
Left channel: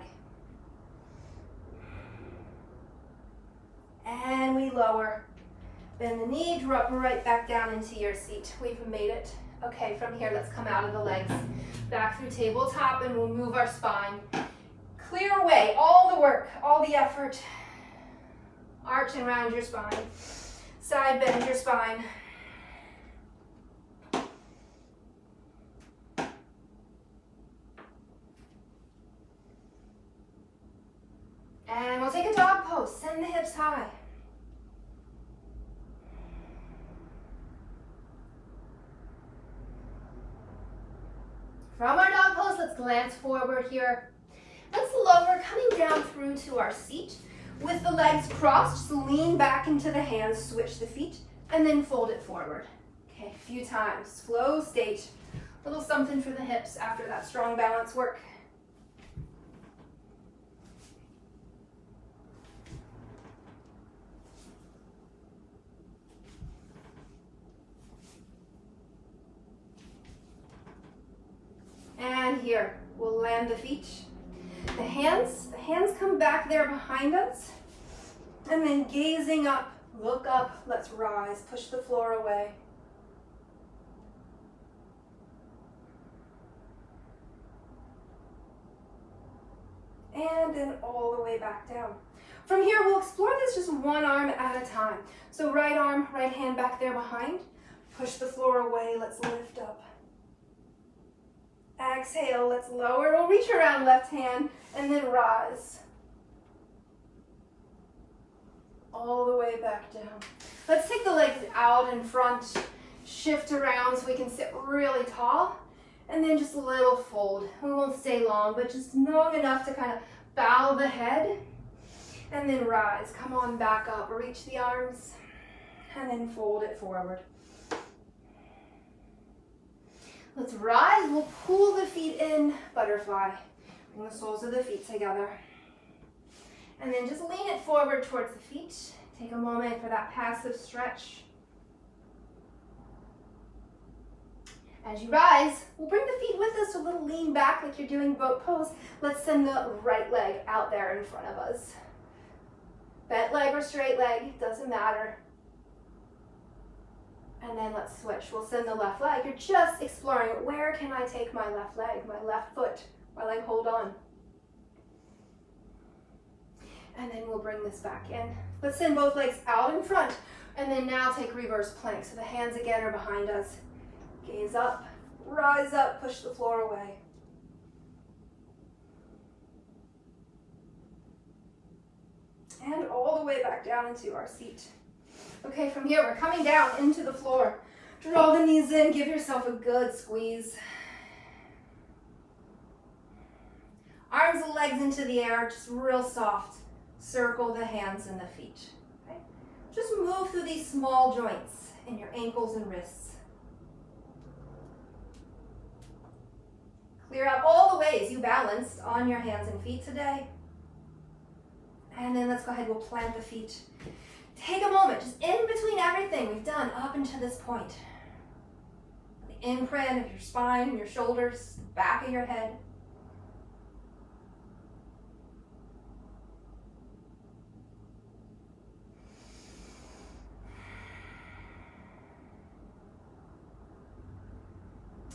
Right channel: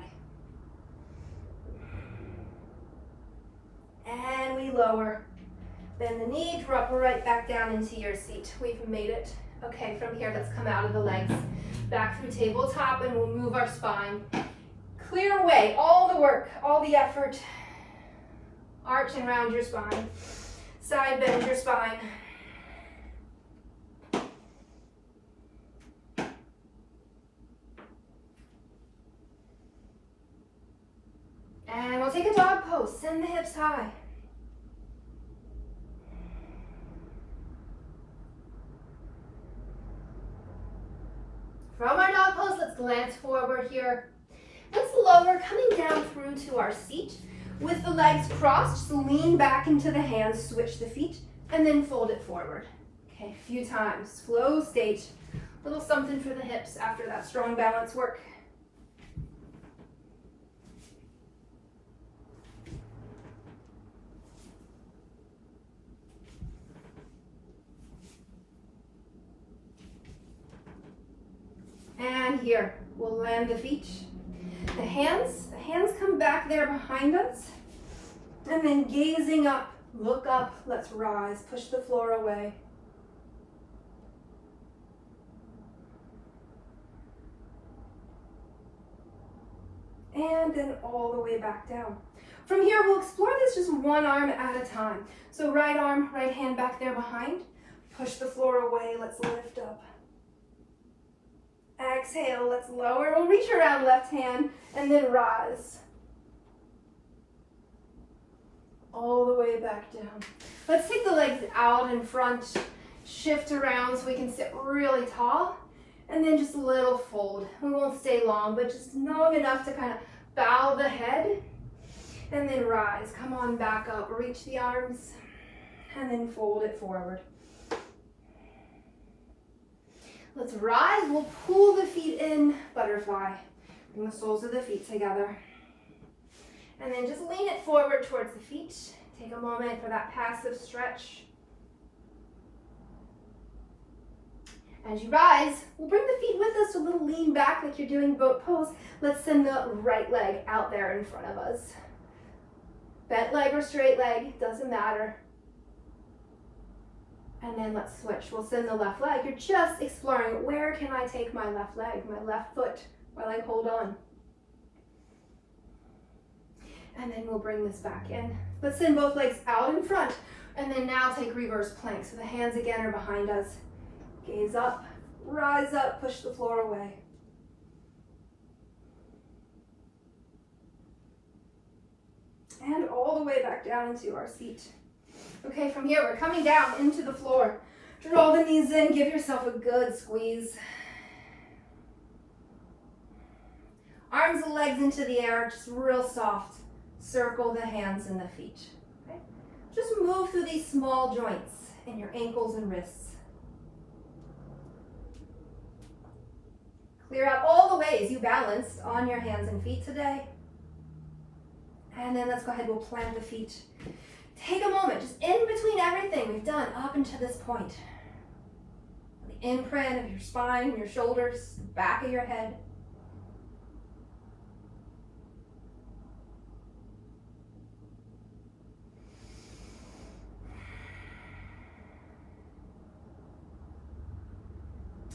And we lower. Bend the knee, drop right back down into your seat. We've made it. Okay, from here, let's come out of the legs, back through tabletop, and we'll move our spine. Clear away all the work, all the effort. Arch and round your spine. Side bend your spine. And we'll take a dog pose. Send the hips high. From our dog pose, let's glance forward here. Let's lower, coming down through to our seat. With the legs crossed, just lean back into the hands, switch the feet, and then fold it forward. Okay, a few times. Flow state. A little something for the hips after that strong balance work. And here, we'll land the feet. The hands come back there behind us. And then gazing up, look up, let's rise, push the floor away. And then all the way back down. From here, we'll explore this just one arm at a time. So right arm, right hand back there behind. Push the floor away, let's lift up. Exhale, let's lower. We'll reach around left hand and then rise. All the way back down. Let's take the legs out in front, shift around so we can sit really tall, and then just a little fold. We won't stay long, but just long enough to kind of bow the head, and then rise. Come on back up, reach the arms, and then fold it forward. Let's rise, we'll pull the feet in, butterfly. Bring the soles of the feet together. And then just lean it forward towards the feet. Take a moment for that passive stretch. As you rise, we'll bring the feet with us, a little lean back like you're doing boat pose. Let's send the right leg out there in front of us. Bent leg or straight leg, doesn't matter. And then let's switch. We'll send the left leg. You're just exploring, where can I take my left leg, my left foot, while I hold on. And then we'll bring this back in. Let's send both legs out in front. And then now take reverse plank. So the hands again are behind us. Gaze up, rise up, push the floor away. And all the way back down into our seat. Okay, from here, we're coming down into the floor. Draw the knees in, give yourself a good squeeze. Arms and legs into the air, just real soft. Circle the hands and the feet. Okay? Just move through these small joints in your ankles and wrists. Clear out all the ways you balanced on your hands and feet today. And then let's go ahead, we'll plant the feet. Take a moment, just in between everything we've done up until this point. The imprint of your spine, your shoulders, the back of your head.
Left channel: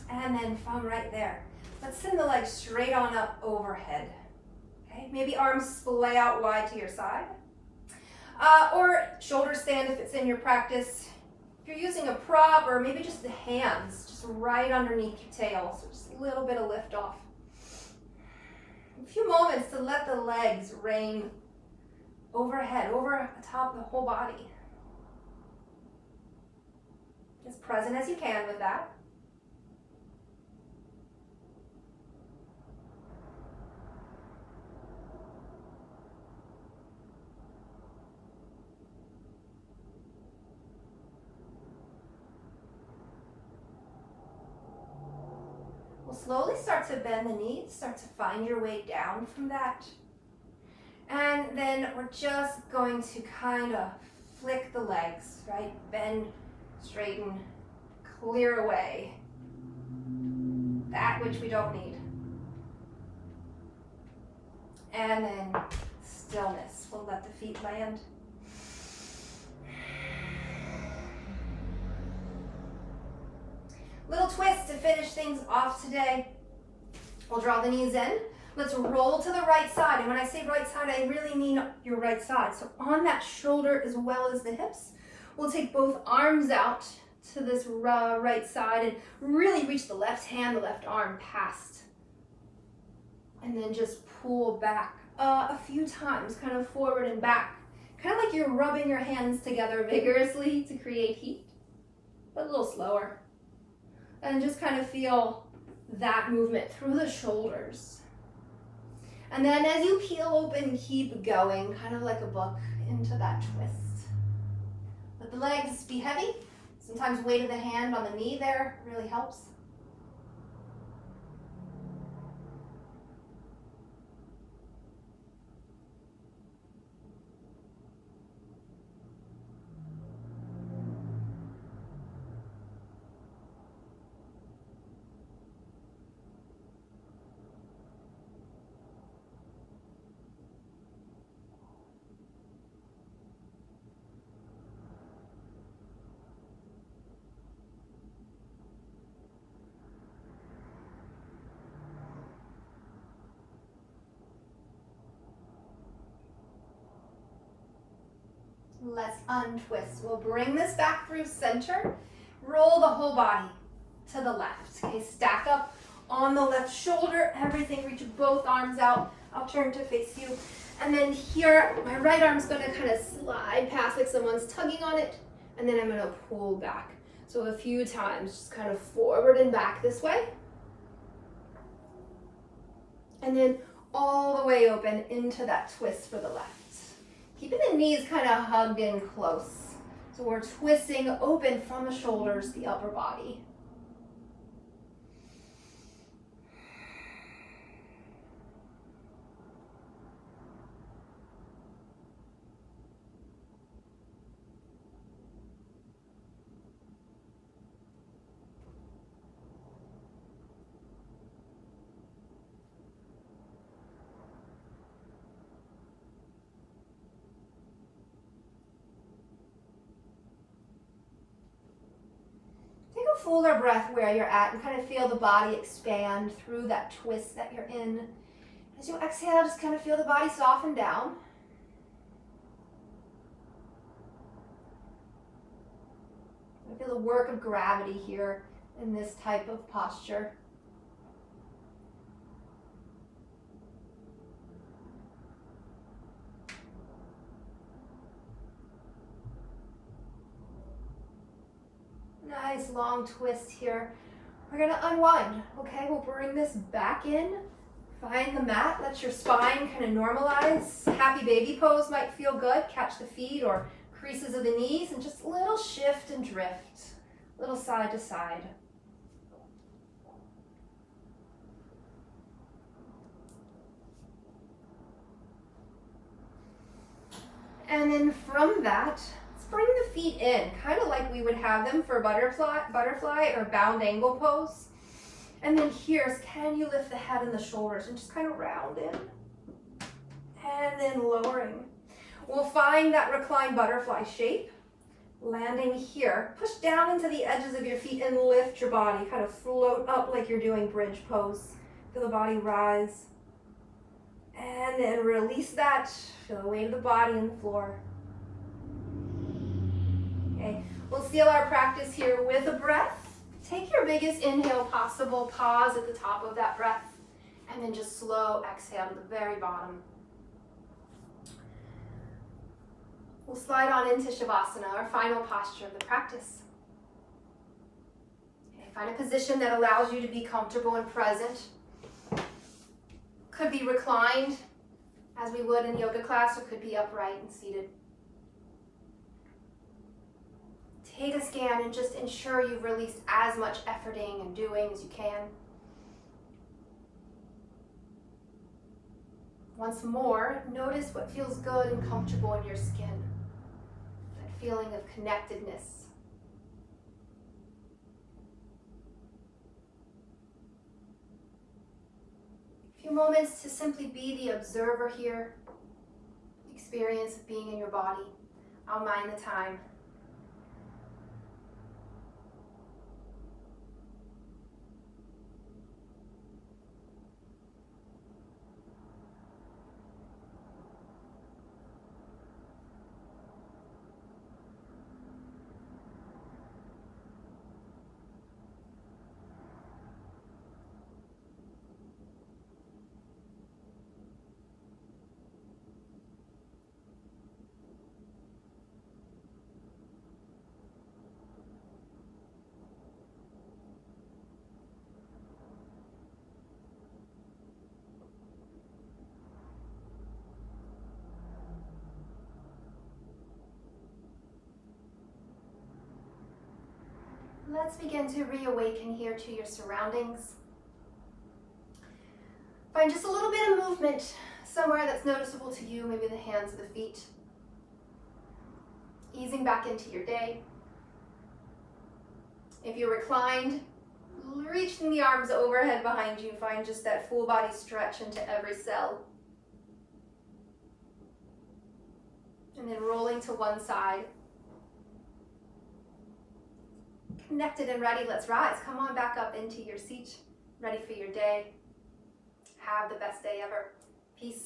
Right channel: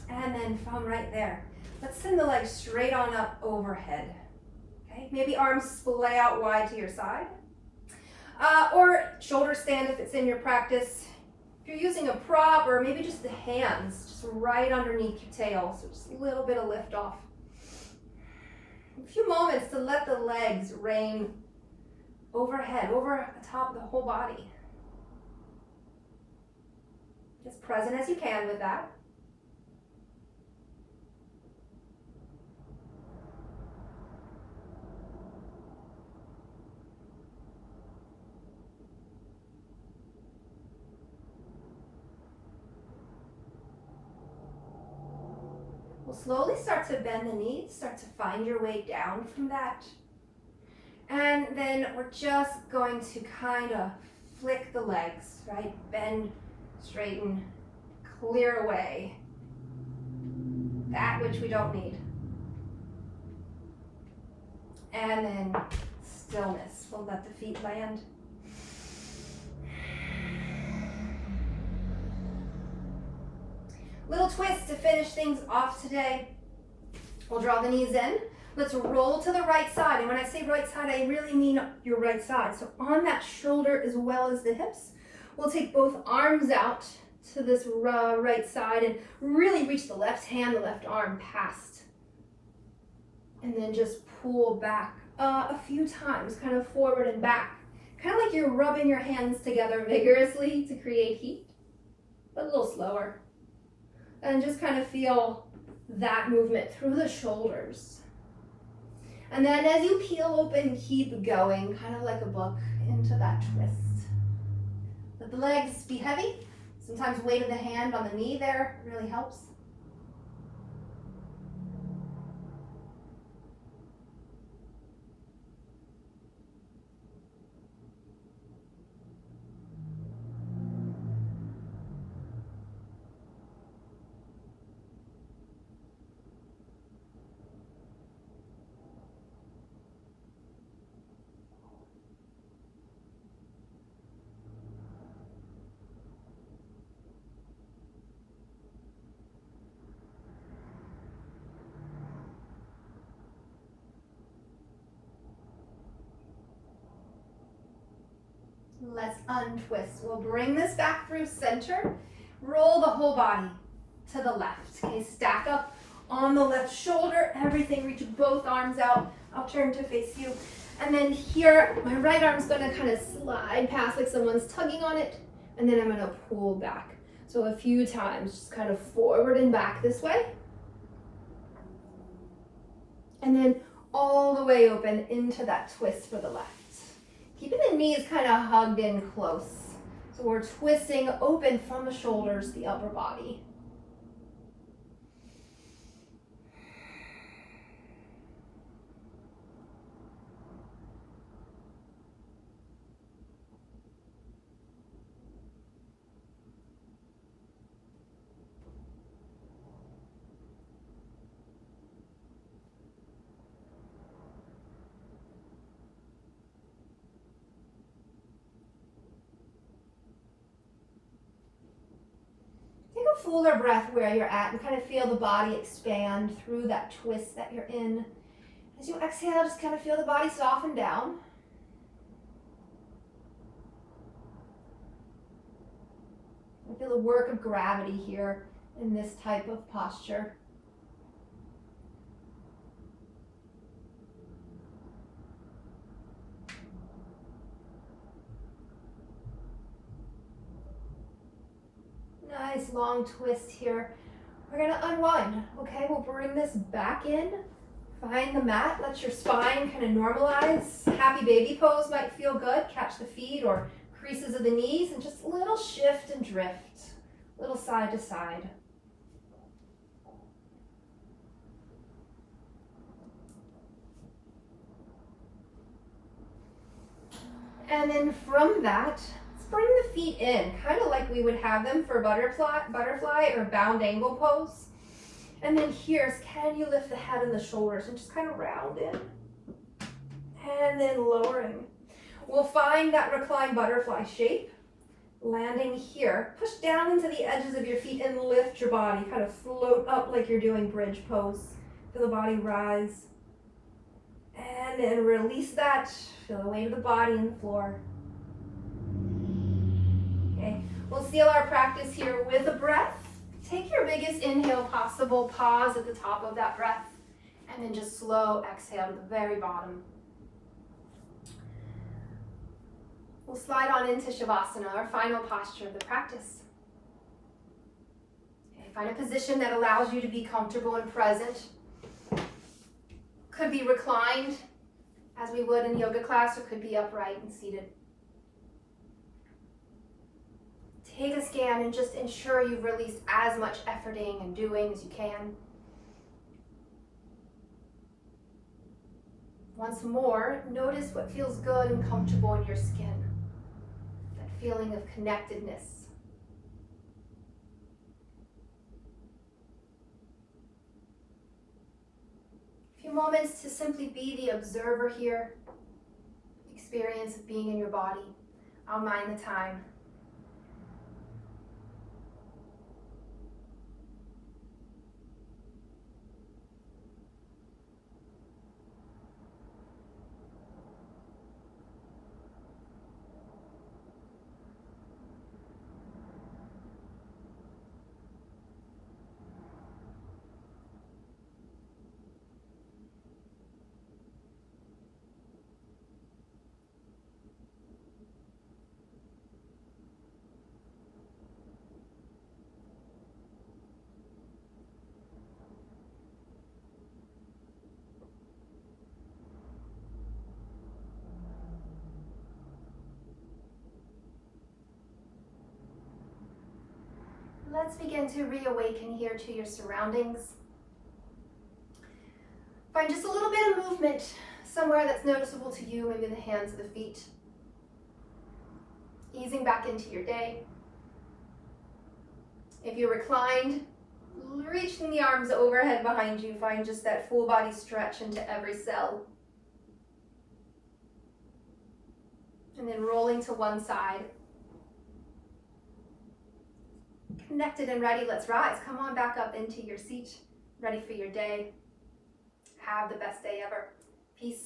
And then from right there, let's send the legs straight on up overhead. Okay, maybe arms splay out wide to your side. Or shoulder stand if it's in your practice. If you're using a prop, or maybe just the hands, just right underneath your tail, so just a little bit of lift off. A few moments to let the legs reign overhead, over atop the whole body. As present as you can with that. Slowly start to bend the knees, start to find your way down from that. And then we're just going to kind of flick the legs, right? Bend, straighten, clear away that which we don't need. And then stillness. We'll let the feet land. Little twist to finish things off today. We'll draw the knees in. Let's roll to the right side. And when I say right side, I really mean your right side. So on that shoulder as well as the hips, we'll take both arms out to this right side and really reach the left hand, the left arm past. And then just pull back a few times, kind of forward and back. Kind of like you're rubbing your hands together vigorously to create heat, but a little slower. And just kind of feel that movement through the shoulders. And then as you peel open, keep going, kind of like a book, into that twist. Let the legs be heavy. Sometimes weight of the hand on the knee there really helps. Let's untwist. We'll bring this back through center. Roll the whole body to the left. Okay, stack up on the left shoulder, everything, reach both arms out. I'll turn to face you. And then here, my right arm's gonna kind of slide past like someone's tugging on it, and then I'm gonna pull back. So a few times, just kind of forward and back this way. And then all the way open into that twist for the left. Keeping the knees kind of hugged in close. So we're twisting open from the shoulders, the upper body. Fuller breath where you're at and kind of feel the body expand through that twist that you're in. As you exhale, just kind of feel the body soften down. I feel the work of gravity here in this type of posture. Nice long twist here. We're gonna unwind, okay? We'll bring this back in. Find the mat, let your spine kind of normalize. Happy baby pose might feel good. Catch the feet or creases of the knees and just a little shift and drift. Little side to side. And then from that, bring the feet in, kind of like we would have them for butterfly or bound angle pose. And then here, can you lift the head and the shoulders and just kind of round in? And then lowering. We'll find that reclined butterfly shape. Landing here. Push down into the edges of your feet and lift your body. Kind of float up like you're doing bridge pose. Feel the body rise. And then release that. Feel the weight of the body in the floor. Okay, we'll seal our practice here with a breath. Take your biggest inhale possible, pause at the top of that breath, and then just slow exhale to the very bottom. We'll slide on into Shavasana, our final posture of the practice. Okay, find a position that allows you to be comfortable and present. Could be reclined, as we would in yoga class, or could be upright and seated. Take a scan and just ensure you've released as much efforting and doing as you can. Once more, notice what feels good and comfortable in your skin. That feeling of connectedness. A few moments to simply be the observer here. Experience of being in your body. I'll mind the time. Let's begin to reawaken here to your surroundings. Find just a little bit of movement somewhere that's noticeable to you, maybe the hands or the feet. Easing back into your day. If you're reclined, reaching the arms overhead behind you, find just that full body stretch into every cell. And then rolling to one side. Connected and ready, let's rise. Come on back up into your seat, ready for your day. Have the best day ever. Peace.